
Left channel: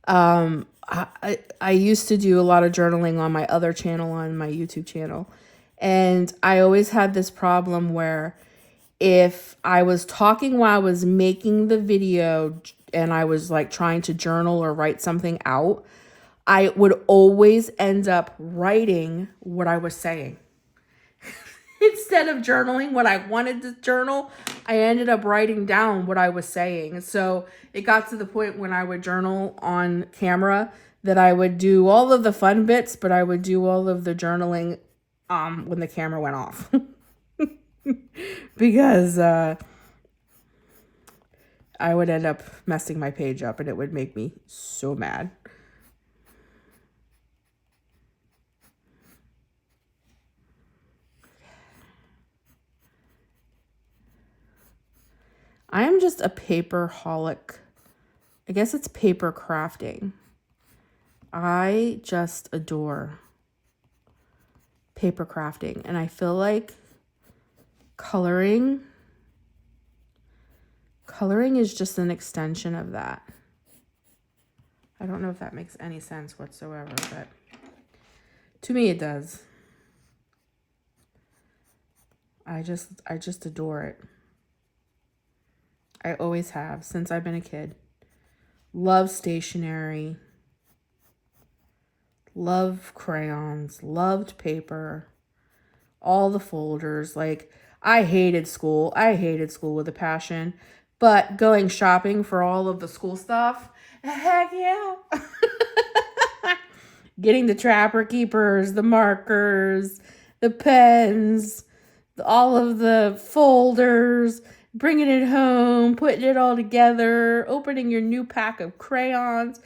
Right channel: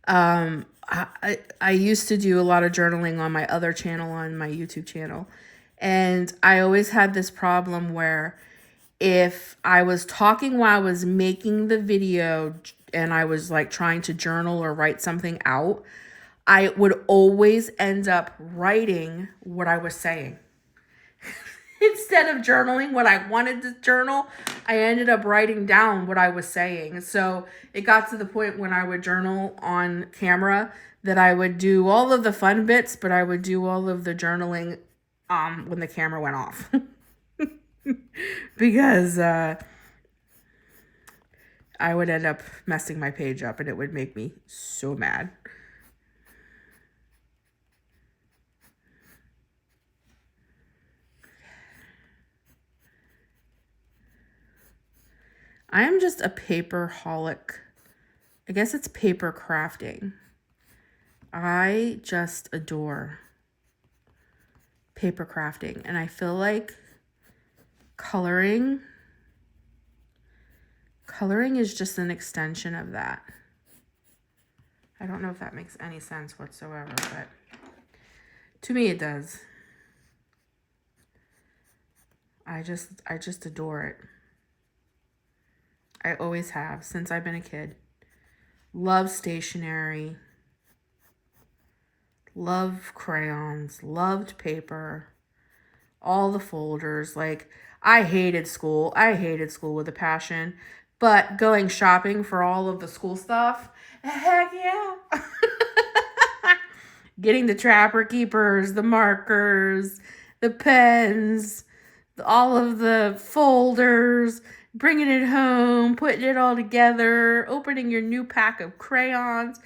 I used to do a lot of journaling on my other channel, on my YouTube channel. And I always had this problem where if I was talking while I was making the video and I was like trying to journal or write something out, I would always end up writing what I was saying. Instead of journaling what I wanted to journal, I ended up writing down what I was saying. So it got to the point when I would journal on camera that I would do all of the fun bits, but I would do all of the journaling when the camera went off. Because I would end up messing my page up and it would make me so mad. I am just a paper holic. I guess it's paper crafting. I just adore paper crafting, and I feel like coloring is just an extension of that. I don't know if that makes any sense whatsoever, but to me it does. I just adore it. I always have since I've been a kid. Love stationery. Love crayons. Loved paper. All the folders. Like, I hated school. I hated school with a passion. But going shopping for all of the school stuff, heck yeah. Getting the Trapper Keepers, the markers, the pens, all of the folders, bringing it home, putting it all together, opening your new pack of crayons.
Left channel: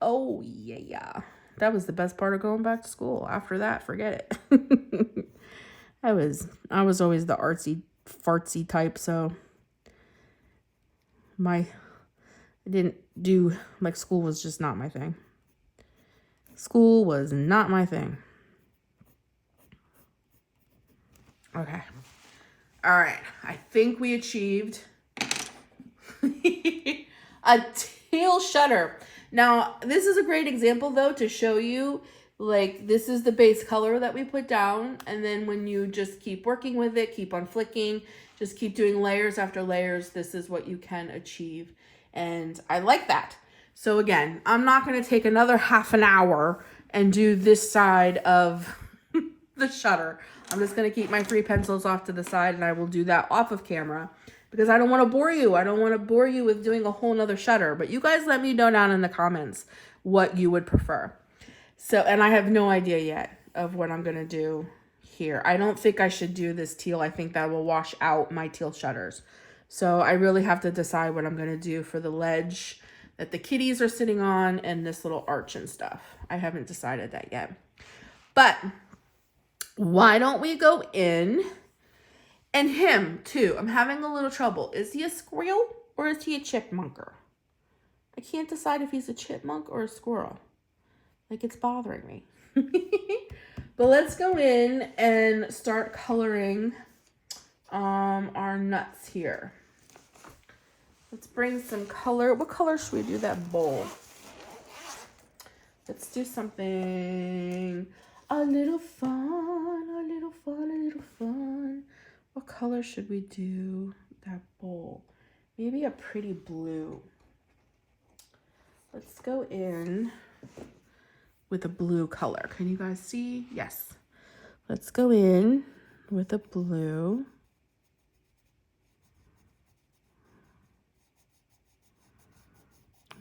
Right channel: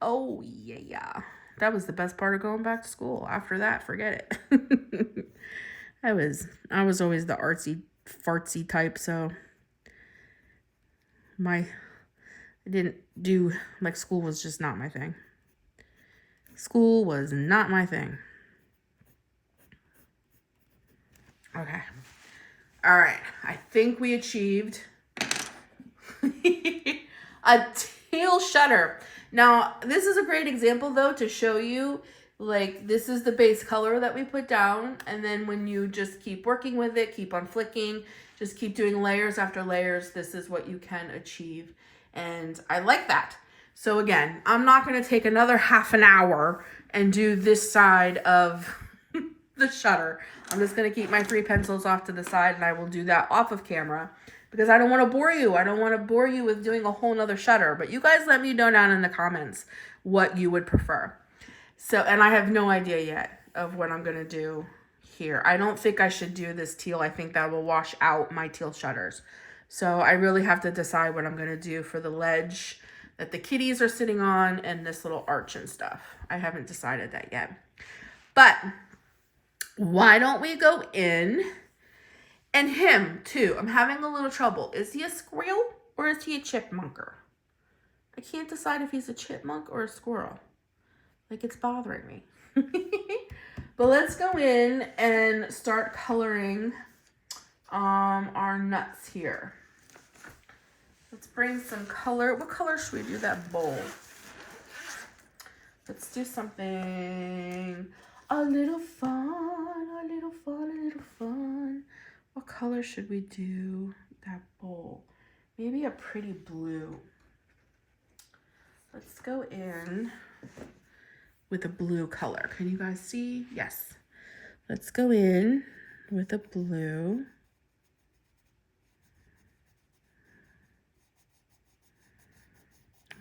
Oh, yeah. That was the best part of going back to school. After that, forget it. I was always the artsy, fartsy type, so I didn't do, like, school was just not my thing. School was not my thing. Okay. All right. I think we achieved a teal shutter. Now, this is a great example, though, to show you, like, this is the base color that we put down. And then when you just keep working with it, keep on flicking, just keep doing layers after layers, this is what you can achieve. And I like that. So again, I'm not going to take another half an hour and do this side of the shutter. I'm just going to keep my 3 pencils off to the side, and I will do that off of camera because I don't want to bore you. I don't want to bore you with doing a whole nother shutter, but you guys let me know down in the comments what you would prefer. So, and I have no idea yet of what I'm going to do here. I don't think I should do this teal. I think that will wash out my teal shutters. So I really have to decide what I'm going to do for the ledge that the kitties are sitting on and this little arch and stuff. I haven't decided that yet. But why don't we go in? And him too. I'm having a little trouble. Is he a squirrel or is he a chipmunker? I can't decide if he's a chipmunk or a squirrel. Like, it's bothering me. But let's go in and start coloring our nuts here. Let's bring some color. What color should we do that bowl? Let's do something a little fun, a little fun, a little fun. What color should we do that bowl? Maybe a pretty blue. Let's go in with a blue color. Can you guys see? Yes. Let's go in with a blue.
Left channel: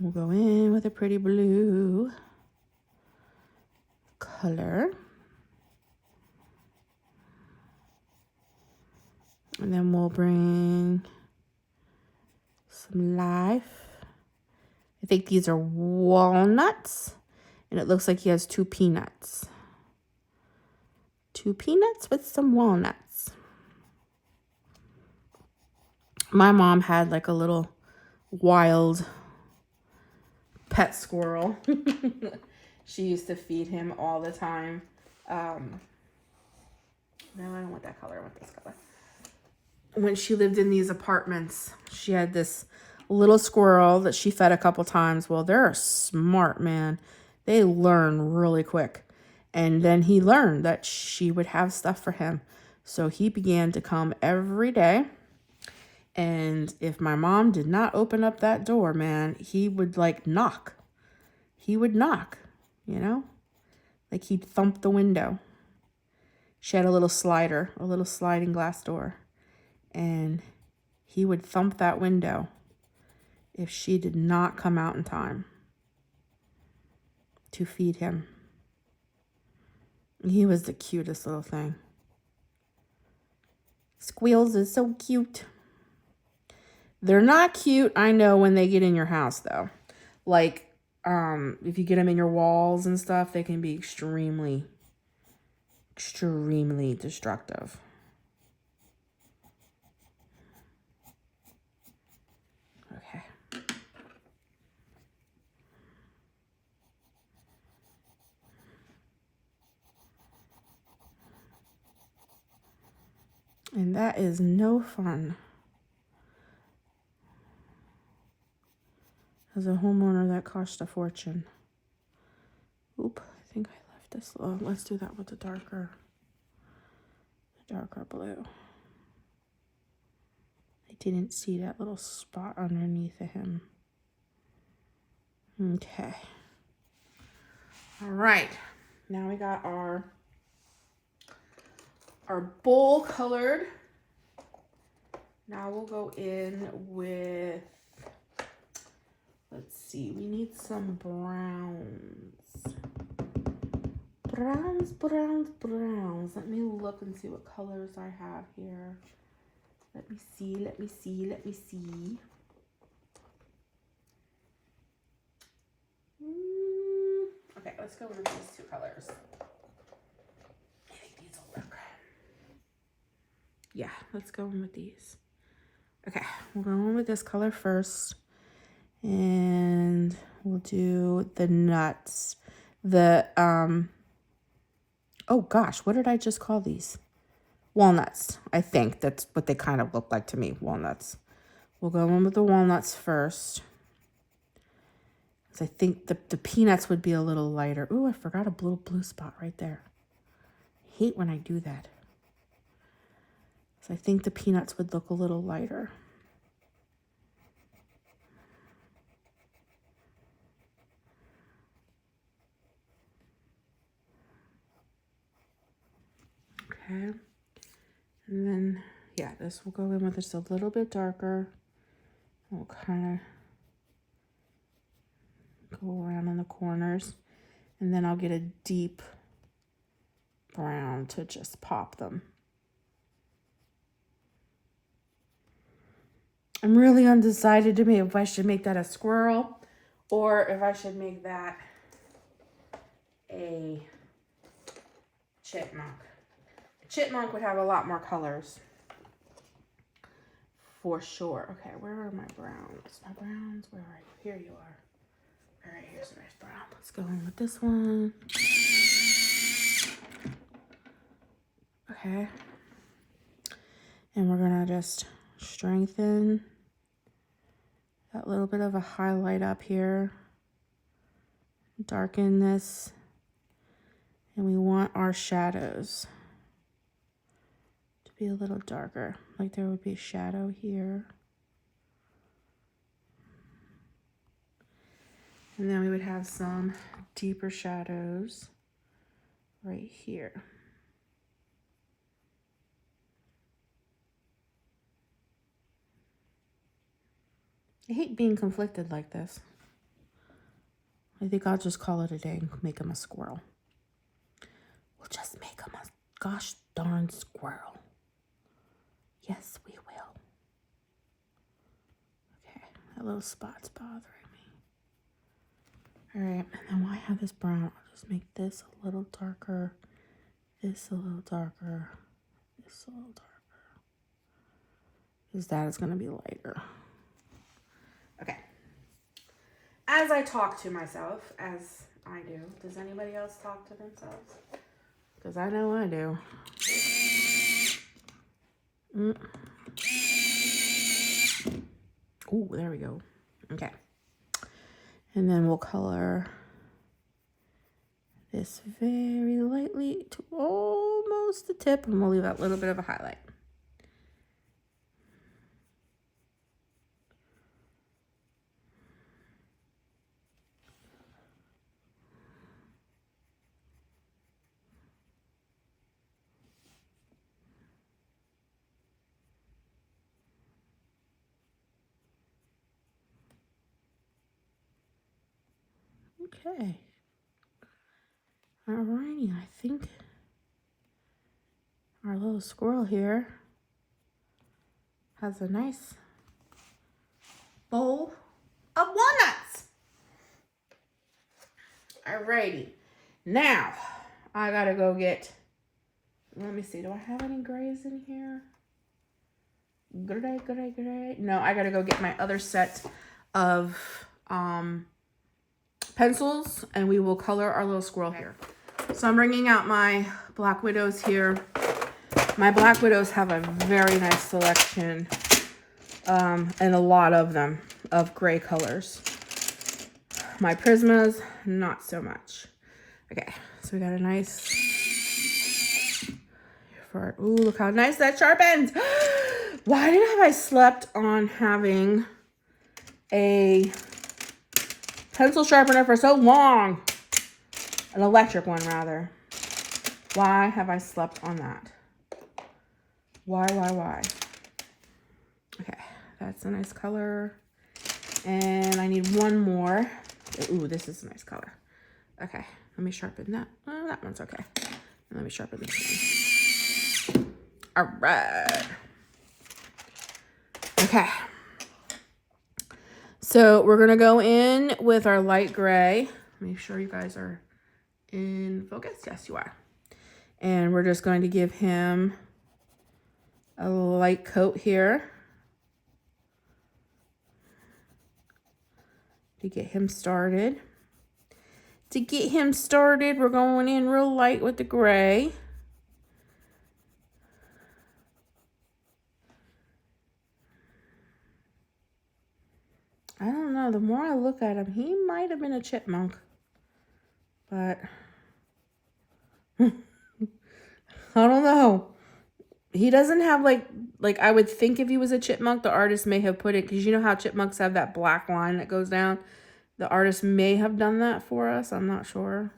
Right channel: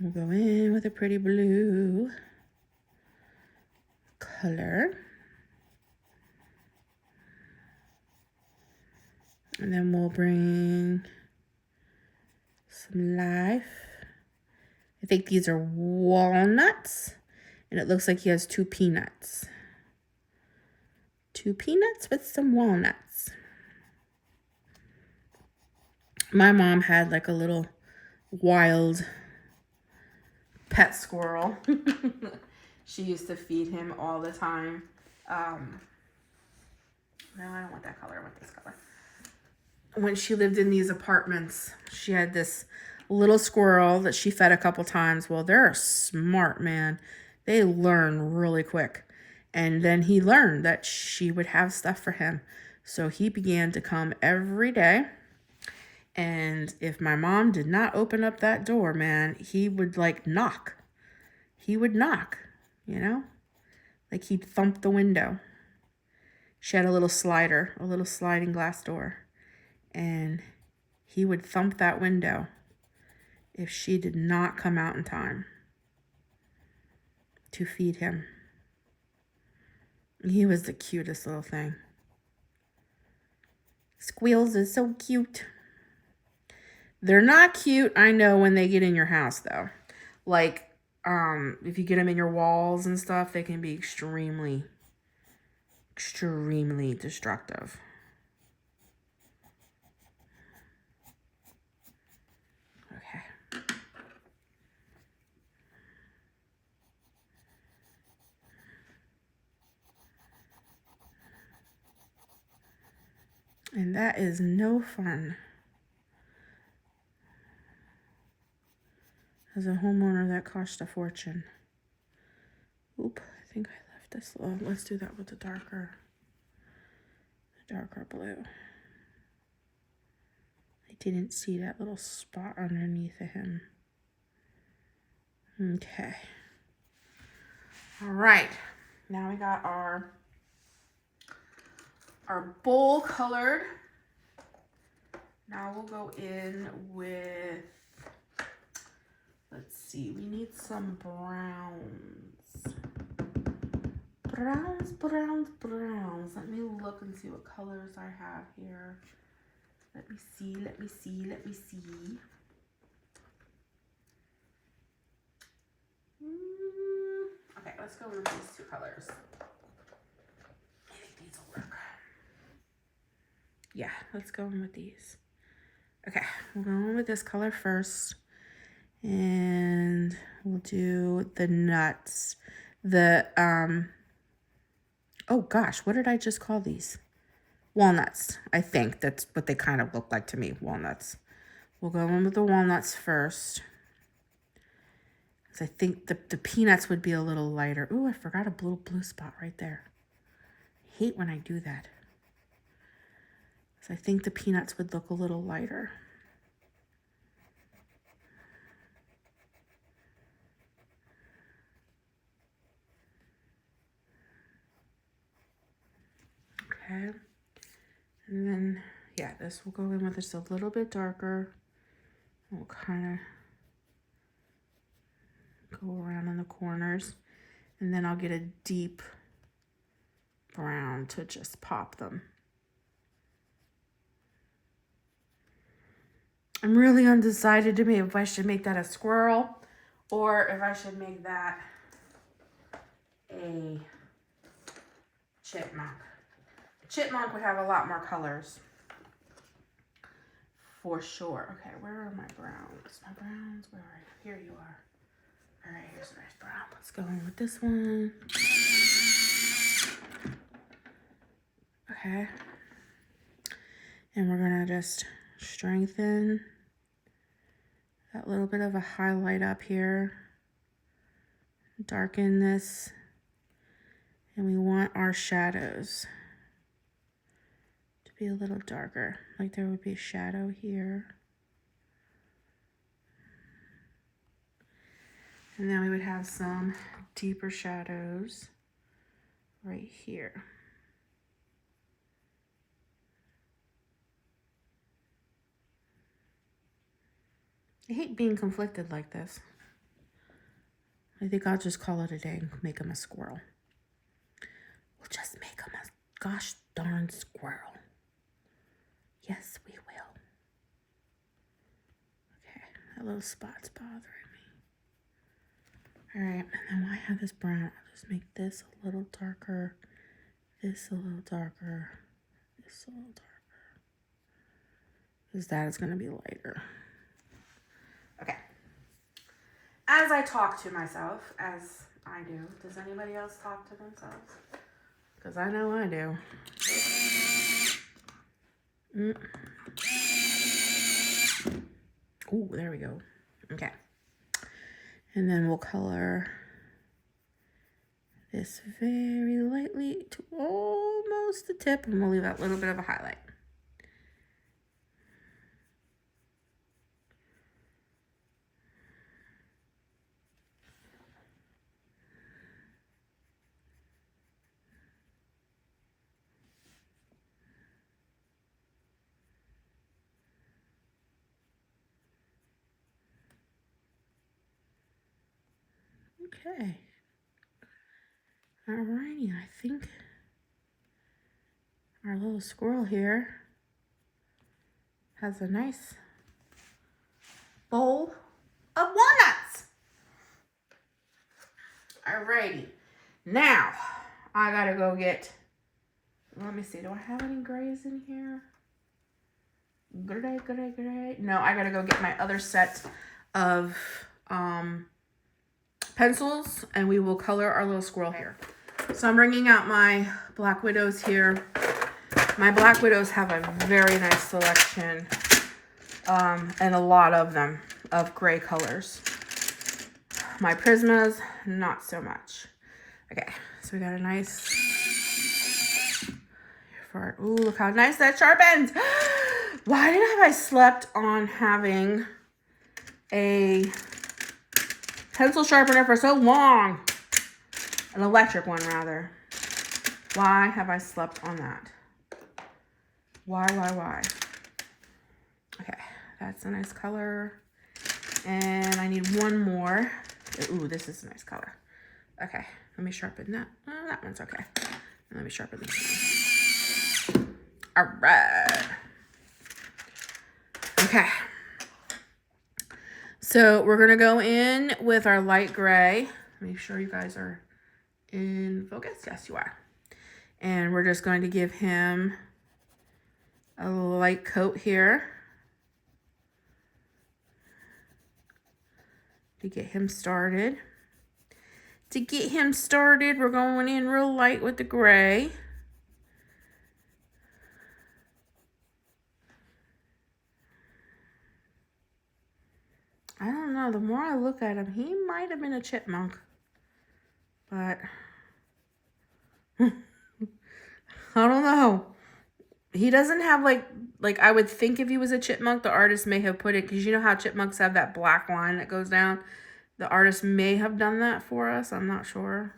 We'll go in with a pretty blue color. And then we'll bring some life. I think these are walnuts. And it looks like he has 2 peanuts. 2 peanuts with some walnuts. My mom had like a little wild pet squirrel. She used to feed him all the time. No, I don't want that color. I want this color. When she lived in these apartments, she had this little squirrel that she fed a couple times. Well, they're smart, man. They learn really quick. And then he learned that she would have stuff for him. So he began to come every day. And if my mom did not open up that door, man, he would like knock. He would knock, you know? Like he'd thump the window. She had a little slider, a little sliding glass door. And he would thump that window if she did not come out in time to feed him. He was the cutest little thing. Squeals is so cute. They're not cute, I know, when they get in your house, though. Like, if you get them in your walls and stuff, they can be extremely, extremely destructive. And that is no fun. As a homeowner, that cost a fortune. Oop, I think I left this. Oh, let's do that with the darker blue. I didn't see that little spot underneath of him. Okay. All right. Now we got our bowl colored. Now we'll go in with, let's see, we need some browns. Browns. Let me look and see what colors I have here. Let me see. Okay, let's go with these two colors. I think these will work. Yeah, let's go in with these. Okay, we'll go in with this color first. And we'll do the nuts. Oh gosh, what did I just call these? Walnuts. I think that's what they kind of look like to me, walnuts. We'll go in with the walnuts first. Because I think the peanuts would be a little lighter. Ooh, I forgot a blue spot right there. I hate when I do that. So I think the peanuts would look a little lighter. Okay. And then, yeah, this will go in with just a little bit darker. We'll kind of go around in the corners. And then I'll get a deep brown to just pop them. I'm really undecided to me if I should make that a squirrel or if I should make that a chipmunk. A chipmunk would have a lot more colors. For sure. Okay, where are my browns? My browns, where are you? Here you are. All right, here's a nice brown. Let's go in with this one. Okay. And we're gonna just strengthen that little bit of a highlight up here. Darken this. And we want our shadows to be a little darker. Like there would be a shadow here. And then we would have some deeper shadows right here. I hate being conflicted like this. I think I'll just call it a day and make him a squirrel. We'll just make him a gosh darn squirrel. Yes, we will. Okay, that little spot's bothering me. All right, and then while I have this brown, I'll just make this a little darker, this a little darker, this a little darker. Because that is going to be lighter. Okay. As I talk to myself, as I do, does anybody else talk to themselves? Because I know I do. Oh, there we go. Okay. And then we'll color this very lightly to almost the tip, and we'll leave that little bit of a highlight. Okay. Alrighty, I think our little squirrel here has a nice bowl of walnuts. Alrighty. Now, I gotta go get, let me see, do I have any grays in here? Gray. No, I gotta go get my other set of pencils, and we will color our little squirrel here. So I'm bringing out my Black Widows here, My Black Widows have a very nice selection, and a lot of them, of gray colors. My Prismas, not so much. Okay, so we got a nice... Ooh, look how nice that sharpens. Why have I slept on having a pencil sharpener for so long? An electric one, rather. Why have I slept on that? Why? Okay, that's a nice color. And I need one more. Ooh, this is a nice color. Okay, let me sharpen that. Oh, that one's okay. Let me sharpen this one. All right. Okay. So we're going to go in with our light gray. Make sure you guys are in focus. Yes, you are. And we're just going to give him a light coat here to get him started. We're going in real light with the gray. I don't know. The more I look at him, he might have been a chipmunk. But I don't know. He doesn't have like I would think if he was a chipmunk, the artist may have put it, because you know how chipmunks have that black line that goes down. The artist may have done that for us. I'm not sure.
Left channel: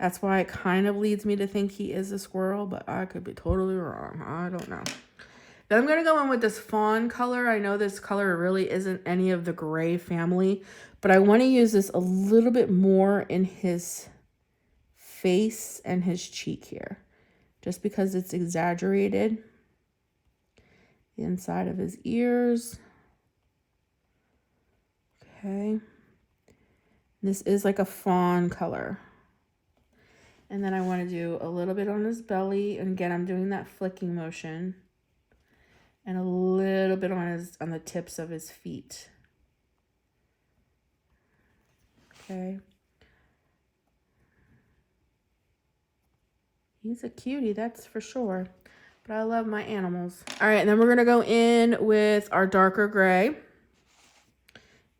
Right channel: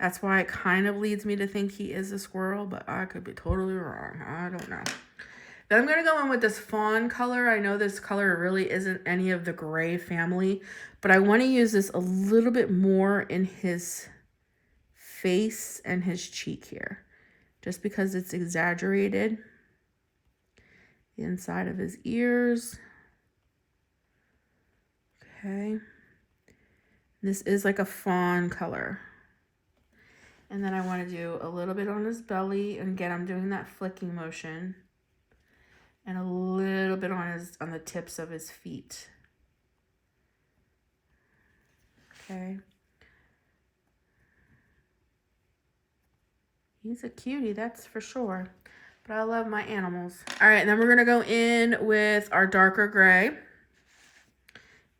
That's why it kind of leads me to think he is a squirrel, but I could be totally wrong. I don't know. Then I'm going to go in with this fawn color. I know this color really isn't any of the gray family, but I want to use this a little bit more in his face and his cheek here, just because it's exaggerated. The inside of his ears. Okay. This is like a fawn color. And then I want to do a little bit on his belly. And again, I'm doing that flicking motion. And a little bit on the tips of his feet. Okay. He's a cutie, that's for sure. But I love my animals. All right, and then we're going to go in with our darker gray.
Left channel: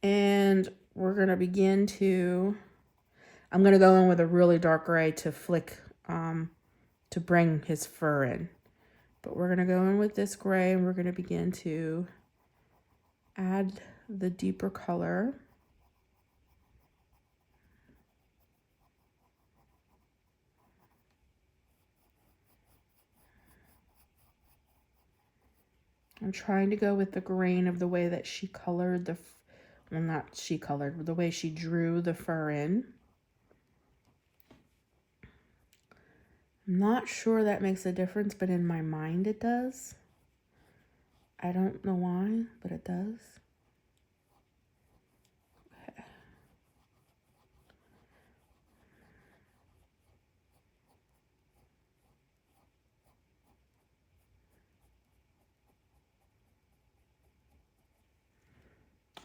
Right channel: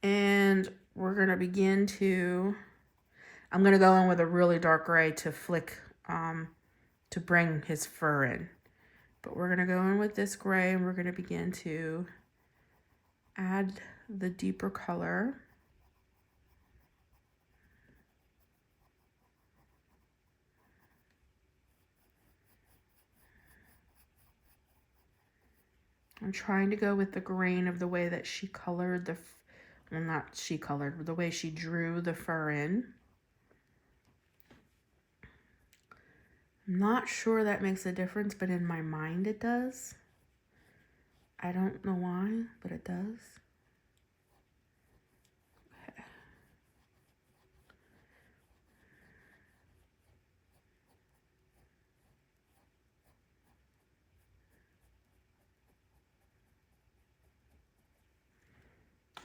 And we're going to begin to... I'm going to go in with a really dark gray to flick, to bring his fur in. But we're going to go in with this gray, and we're going to begin to add the deeper color. I'm trying to go with the grain of the way that she colored the, well, not she colored, but the way she drew the fur in. I'm not sure that makes a difference, but in my mind it does. I don't know why, but it does. Okay.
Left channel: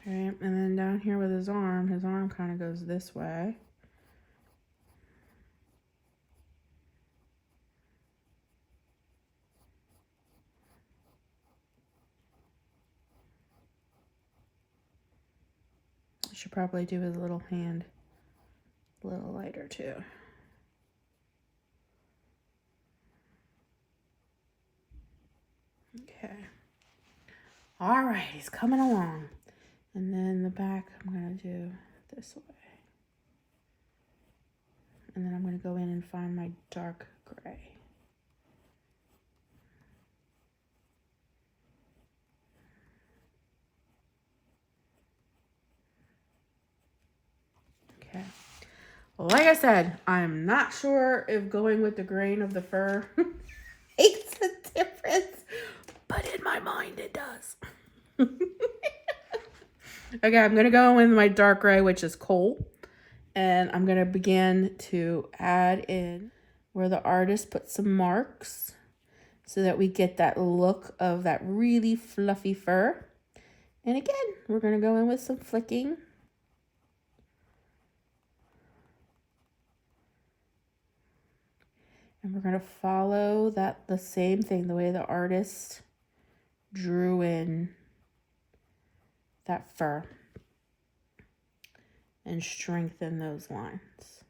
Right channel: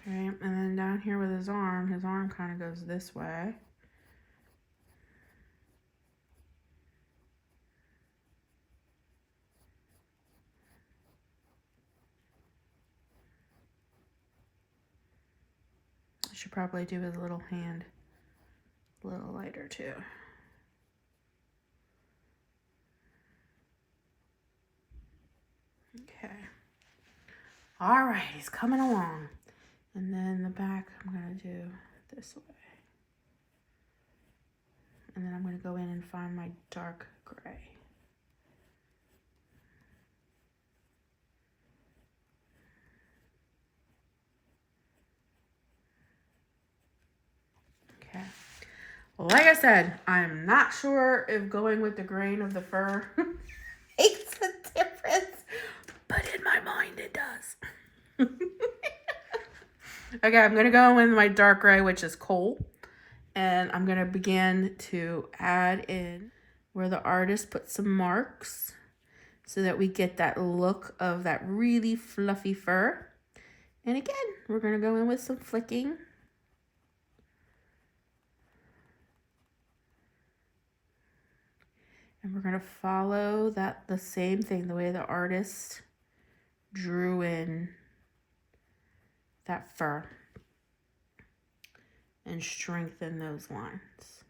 Okay, and then down here with his arm kind of goes this way. I should probably do his little hand a little lighter too. Okay. All right, he's coming along. And then the back, I'm going to do this way. And then I'm going to go in and find my dark gray. Okay. Well, like I said, I'm not sure if going with the grain of the fur makes a difference, but in my mind it does. Okay, I'm going to go in my dark gray, which is coal. And I'm going to begin to add in where the artist put some marks so that we get that look of that really fluffy fur. And again, we're going to go in with some flicking. And we're going to follow the same thing, the way the artist drew in that fur, and strengthen those lines.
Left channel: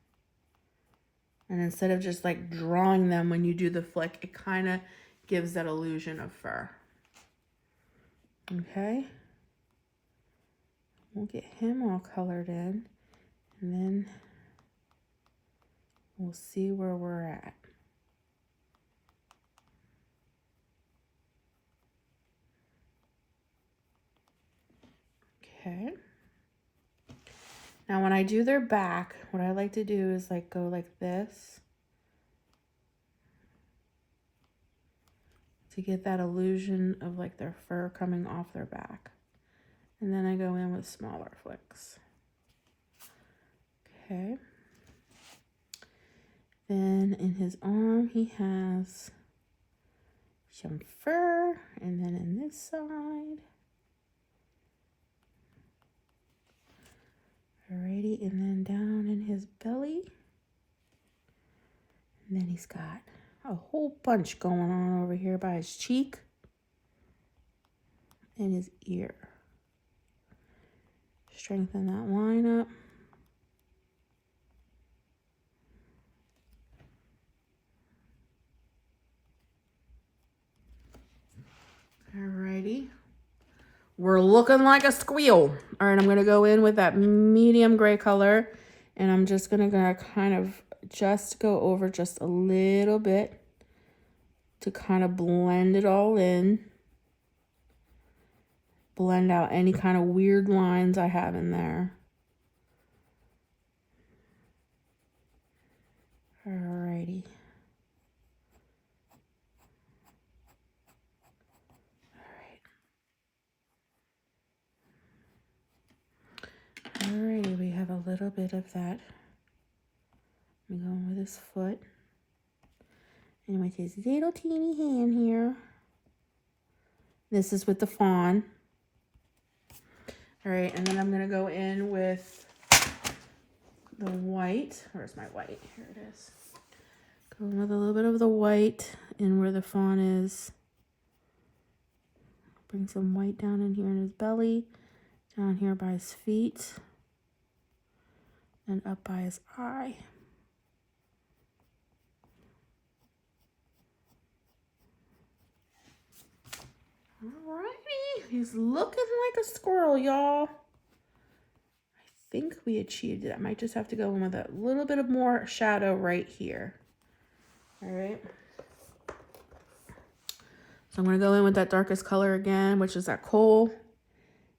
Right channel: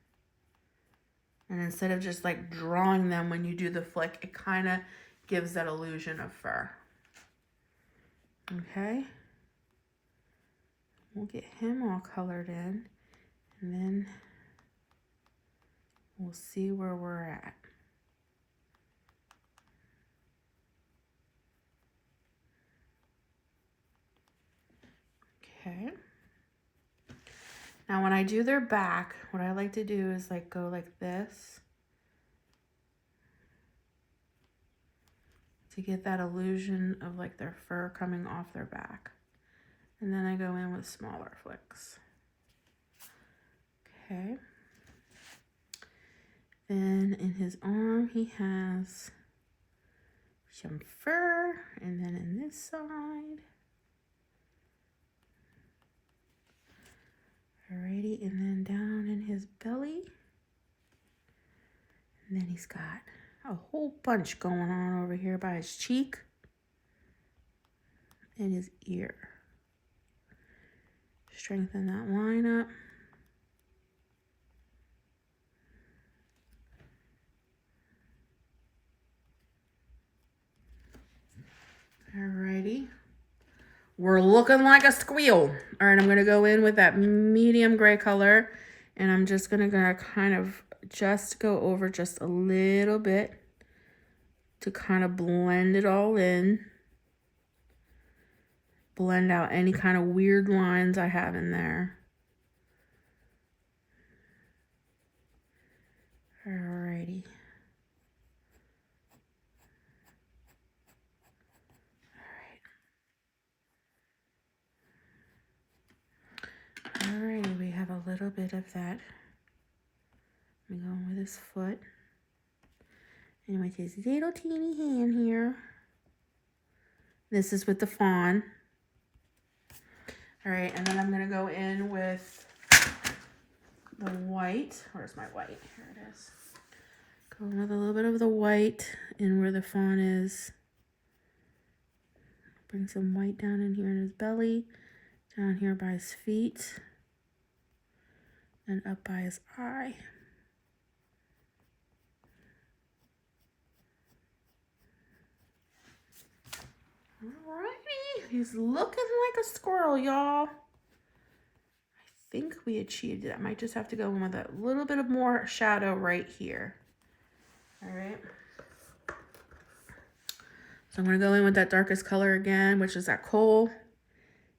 And instead of just like drawing them when you do the flick, it kind of gives that illusion of fur. Okay. We'll get him all colored in, and then we'll see where we're at. Okay. Now when I do their back, what I like to do is like go like this to get that illusion of like their fur coming off their back. And then I go in with smaller flicks. Okay. Then in his arm, he has some fur, and then in this side. Alrighty, and then down in his belly. And then he's got a whole bunch going on over here by his cheek and his ear. Strengthen that line up. Alrighty. We're looking like a squeal. All right, I'm going to go in with that medium gray color, and I'm just going to kind of just go over just a little bit to kind of blend it all in. Blend out any kind of weird lines I have in there. Alrighty. Alrighty, we have a little bit of that. I'm going with his foot. And with his little teeny hand here. This is with the fawn. Alright, and then I'm going to go in with the white. Where's my white? Here it is. Go in with a little bit of the white in where the fawn is. Bring some white down in here in his belly. Down here by his feet. And up by his eye. Alrighty, he's looking like a squirrel, y'all. I think we achieved it. I might just have to go in with a little bit of more shadow right here. Alright. So I'm going to go in with that darkest color again, which is that coal.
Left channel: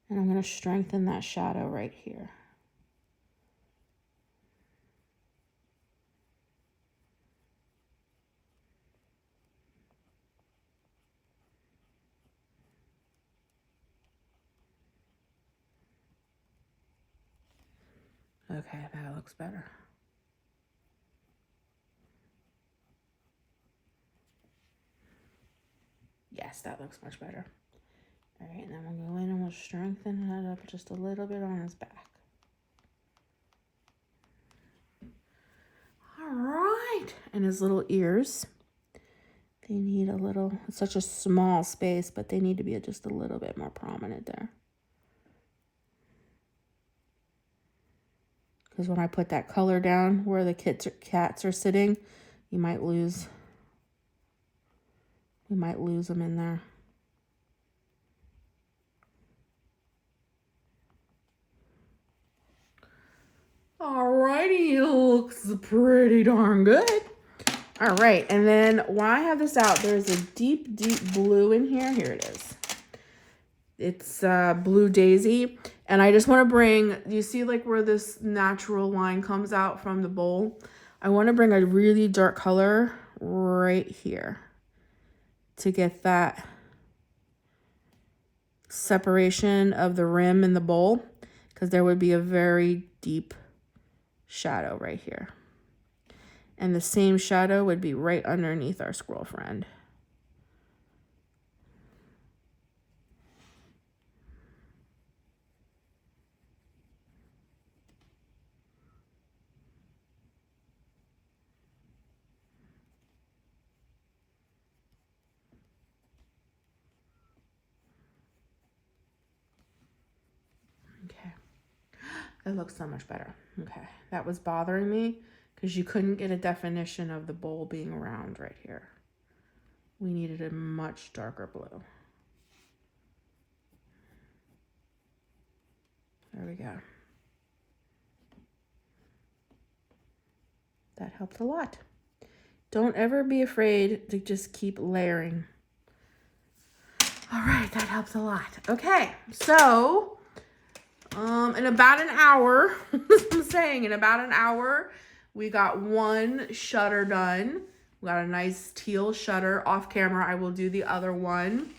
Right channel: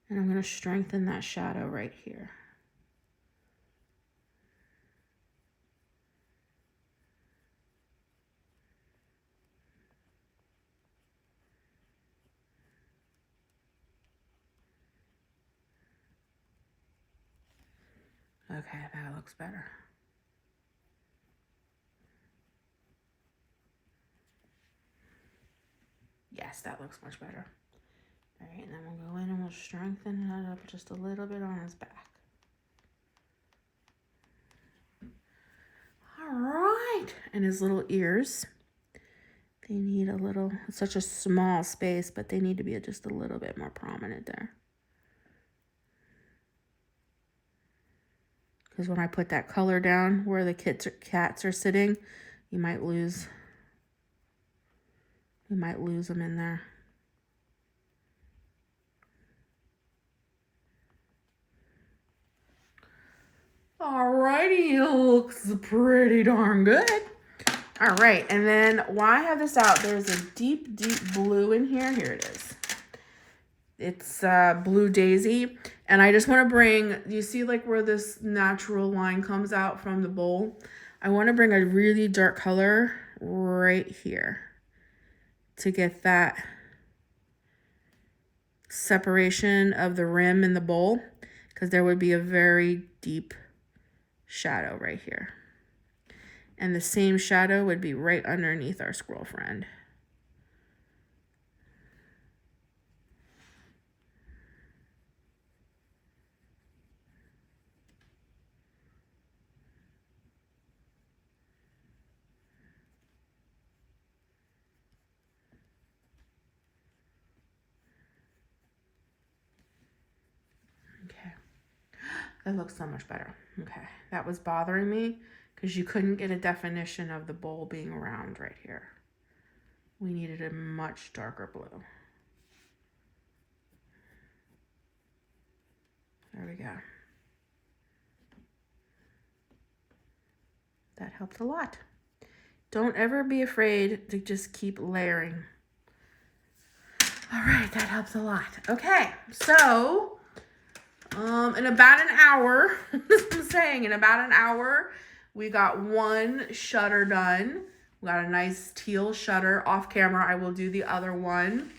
And I'm going to strengthen that shadow right here. Okay, that looks better. Yes, that looks much better. All right, and then we'll go in and we'll strengthen that up just a little bit on his back. All right, and his little ears. They need a little, it's such a small space, but they need to be just a little bit more prominent there. Because when I put that color down where the cats are sitting, you might lose them in there. Alrighty, looks pretty darn good. All right, and then while I have this out, there's a deep, deep blue in here. Here it is. It's Blue Daisy. And I just want to bring, you see like where this natural line comes out from the bowl? I want to bring a really dark color right here to get that separation of the rim and the bowl, because there would be a very deep shadow right here. And the same shadow would be right underneath our squirrel friend. It looks so much better. Okay, that was bothering me because you couldn't get a definition of the bowl being round right here. We needed a much darker blue. There we go. That helped a lot. Don't ever be afraid to just keep layering. All right, that helps a lot. Okay, so in about an hour, I'm saying in about an hour, we got one shutter done. We got a nice teal shutter. Off camera, I will do the other one.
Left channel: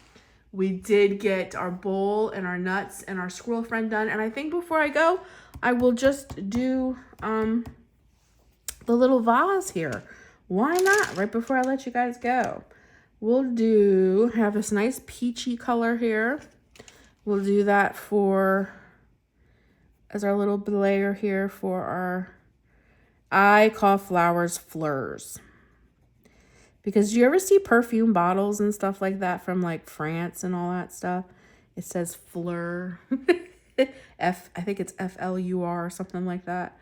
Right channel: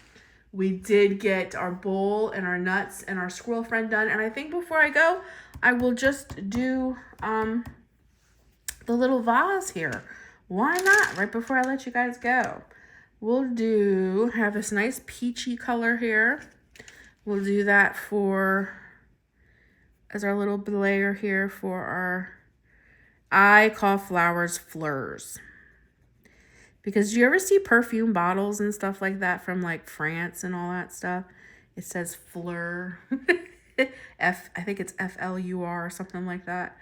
We did get our bowl and our nuts and our squirrel friend done. And I think before I go, I will just do the little vase here. Why not? Right before I let you guys go. We'll have this nice peachy color here. We'll do that as our little layer here for our, I call flowers fleurs. Because do you ever see perfume bottles and stuff like that from like France and all that stuff? It says fleur. I think it's FLUR or something like that.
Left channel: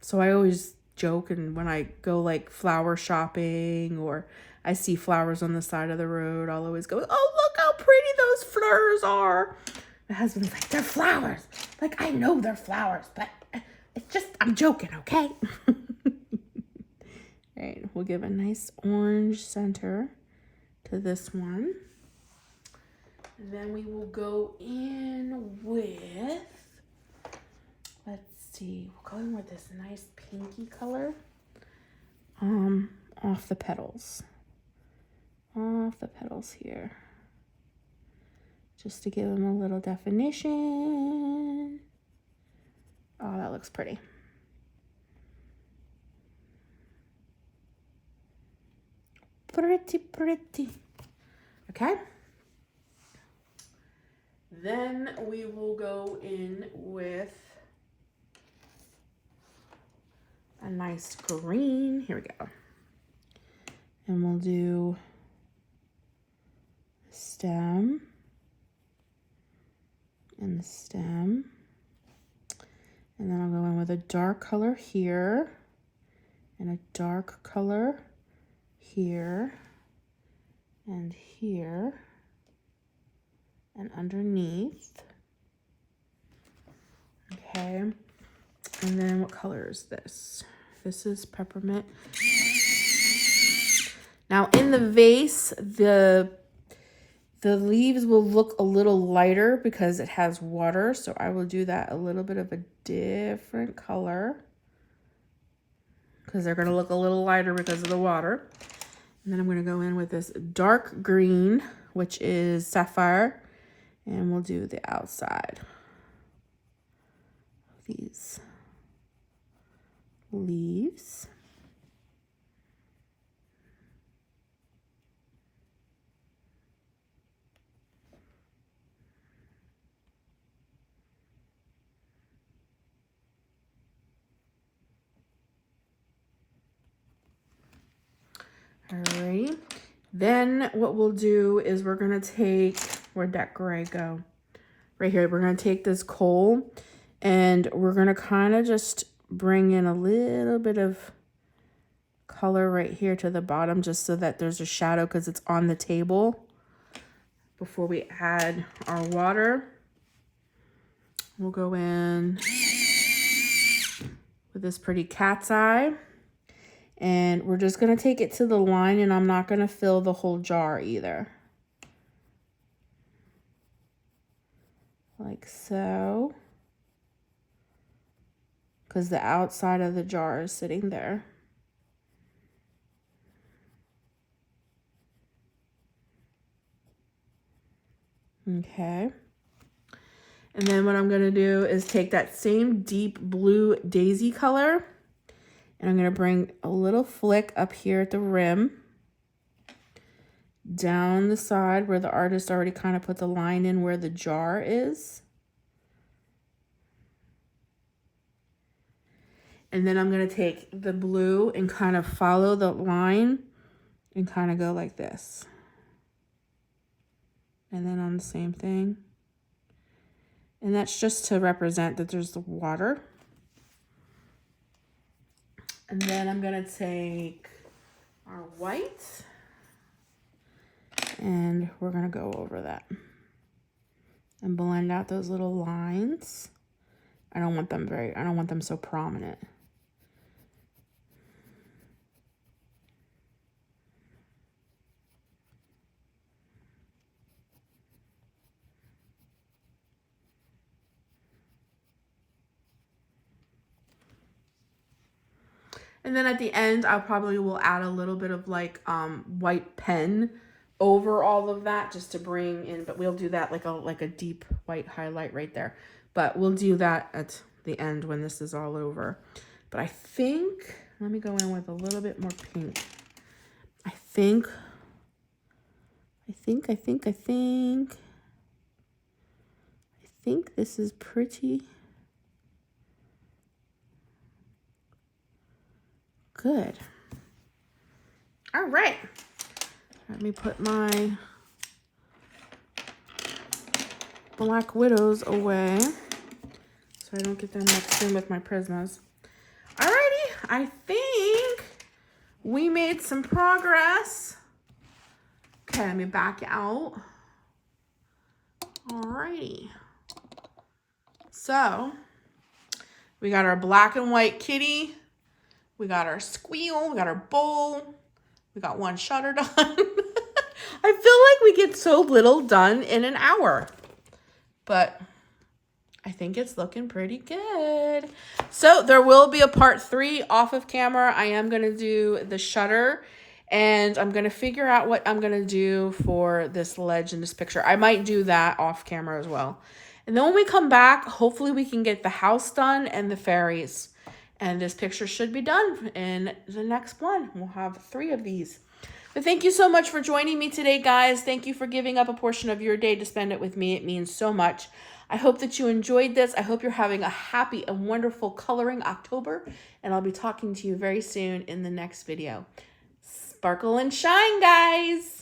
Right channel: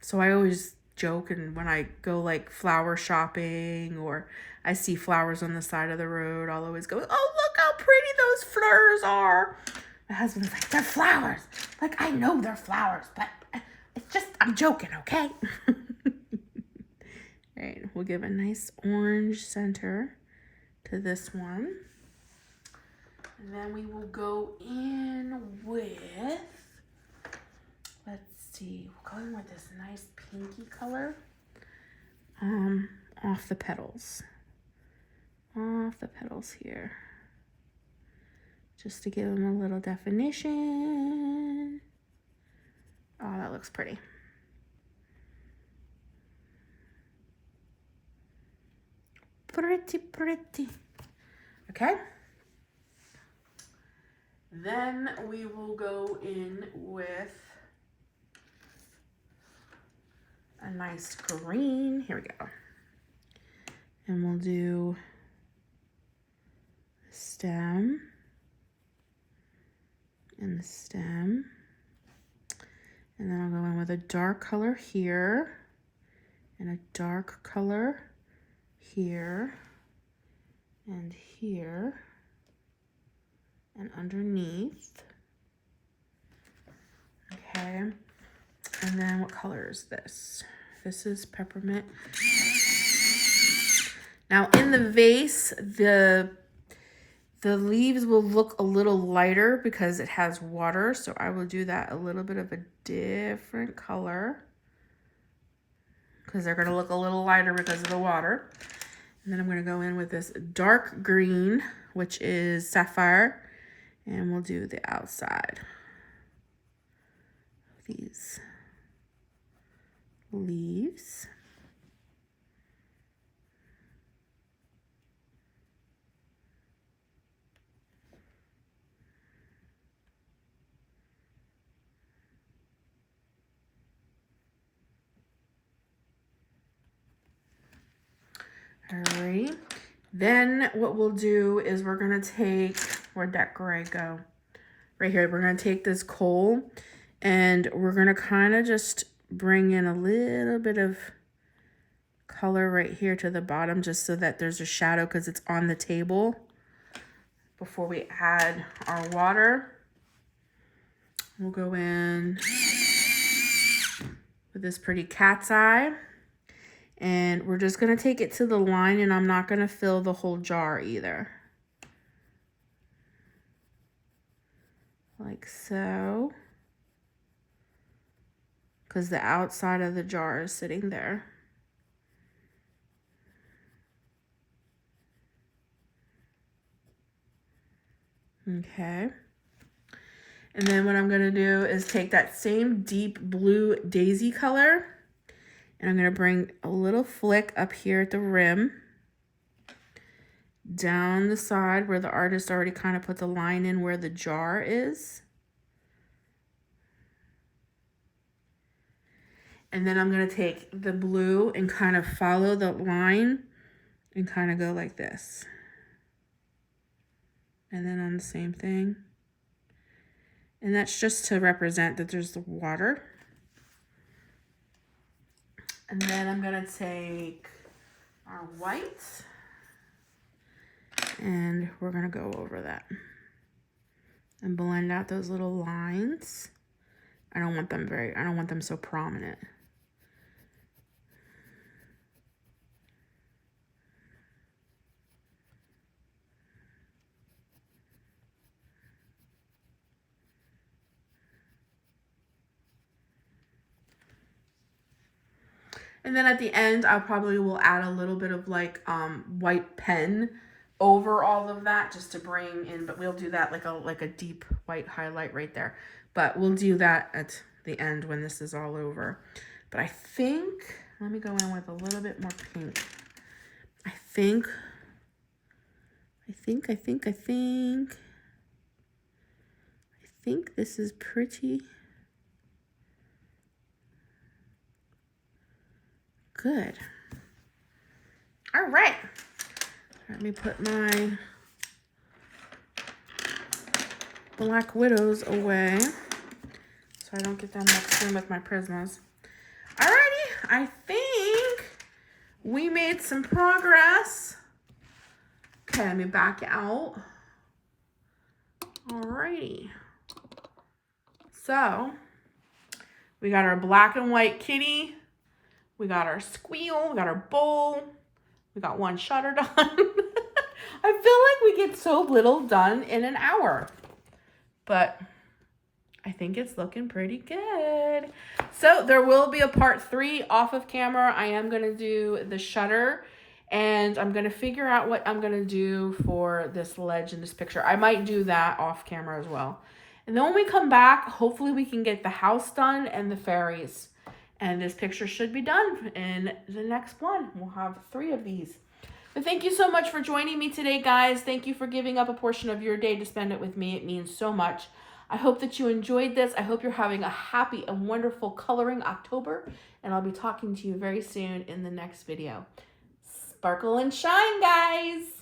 So I always joke, and when I go like flower shopping or I see flowers on the side of the road, I'll always go, oh, look how pretty those fleurs are. My husband's like, they're flowers. Like, I know they're flowers, but it's just, I'm joking, okay? All right, we'll give a nice orange center to this one. And then we will go in with, let's see, we'll go in with this nice pinky color off the petals. Off the petals here. Just to give them a little definition. Oh, that looks pretty. Pretty, pretty. Okay. Then we will go in with a nice green. Here we go. And we'll do the stem and the stem. And then I'll go in with a dark color here and a dark color here and here and underneath. Okay. And then what color is this? This is peppermint. Now in the vase, the leaves will look a little lighter because it has water. So I will do that a little bit of a different color because they're going to look a little lighter because of the water. And then I'm going to go in with this dark green, which is sapphire, and we'll do the outside of these leaves. Alrighty, then what we'll do is we're gonna take, where'd that gray go? Right here, we're gonna take this coal and we're gonna kind of just bring in a little bit of color right here to the bottom just so that there's a shadow because it's on the table before we add our water. We'll go in with this pretty cat's eye. And we're just going to take it to the line, and I'm not going to fill the whole jar either. Like so. Because the outside of the jar is sitting there. Okay. And then what I'm going to do is take that same deep blue daisy color. And I'm going to bring a little flick up here at the rim, down the side where the artist already kind of put the line in where the jar is. And then I'm going to take the blue and kind of follow the line and kind of go like this. And then on the same thing. And that's just to represent that there's the water. And then I'm going to take our white and we're going to go over that and blend out those little lines. I don't want them so prominent. And then at the end, I probably will add a little bit of like white pen over all of that just to bring in, but we'll do that like a deep white highlight right there. But we'll do that at the end when this is all over. But I think, let me go in with a little bit more pink. I think this is pretty good. All right. Let me put my Black Widows away so I don't get them mixed in with my Prismas. Alrighty, I think we made some progress. Okay, let me back out. Alrighty. So, we got our black and white kitty. We got our squeal. We got our bowl. We got one shutter done. I feel like we get so little done in an hour. But I think it's looking pretty good. So there will be a part 3 off of camera. I am going to do the shutter. And I'm going to figure out what I'm going to do for this ledge in this picture. I might do that off camera as well. And then when we come back, hopefully we can get the house done and the fairies. And this picture should be done in the next one. We'll have 3 of these. But thank you so much for joining me today, guys. Thank you for giving up a portion of your day to spend it with me. It means so much. I hope that you enjoyed this. I hope you're having a happy and wonderful coloring October. And I'll be talking to you very soon in the next video. Sparkle and shine, guys.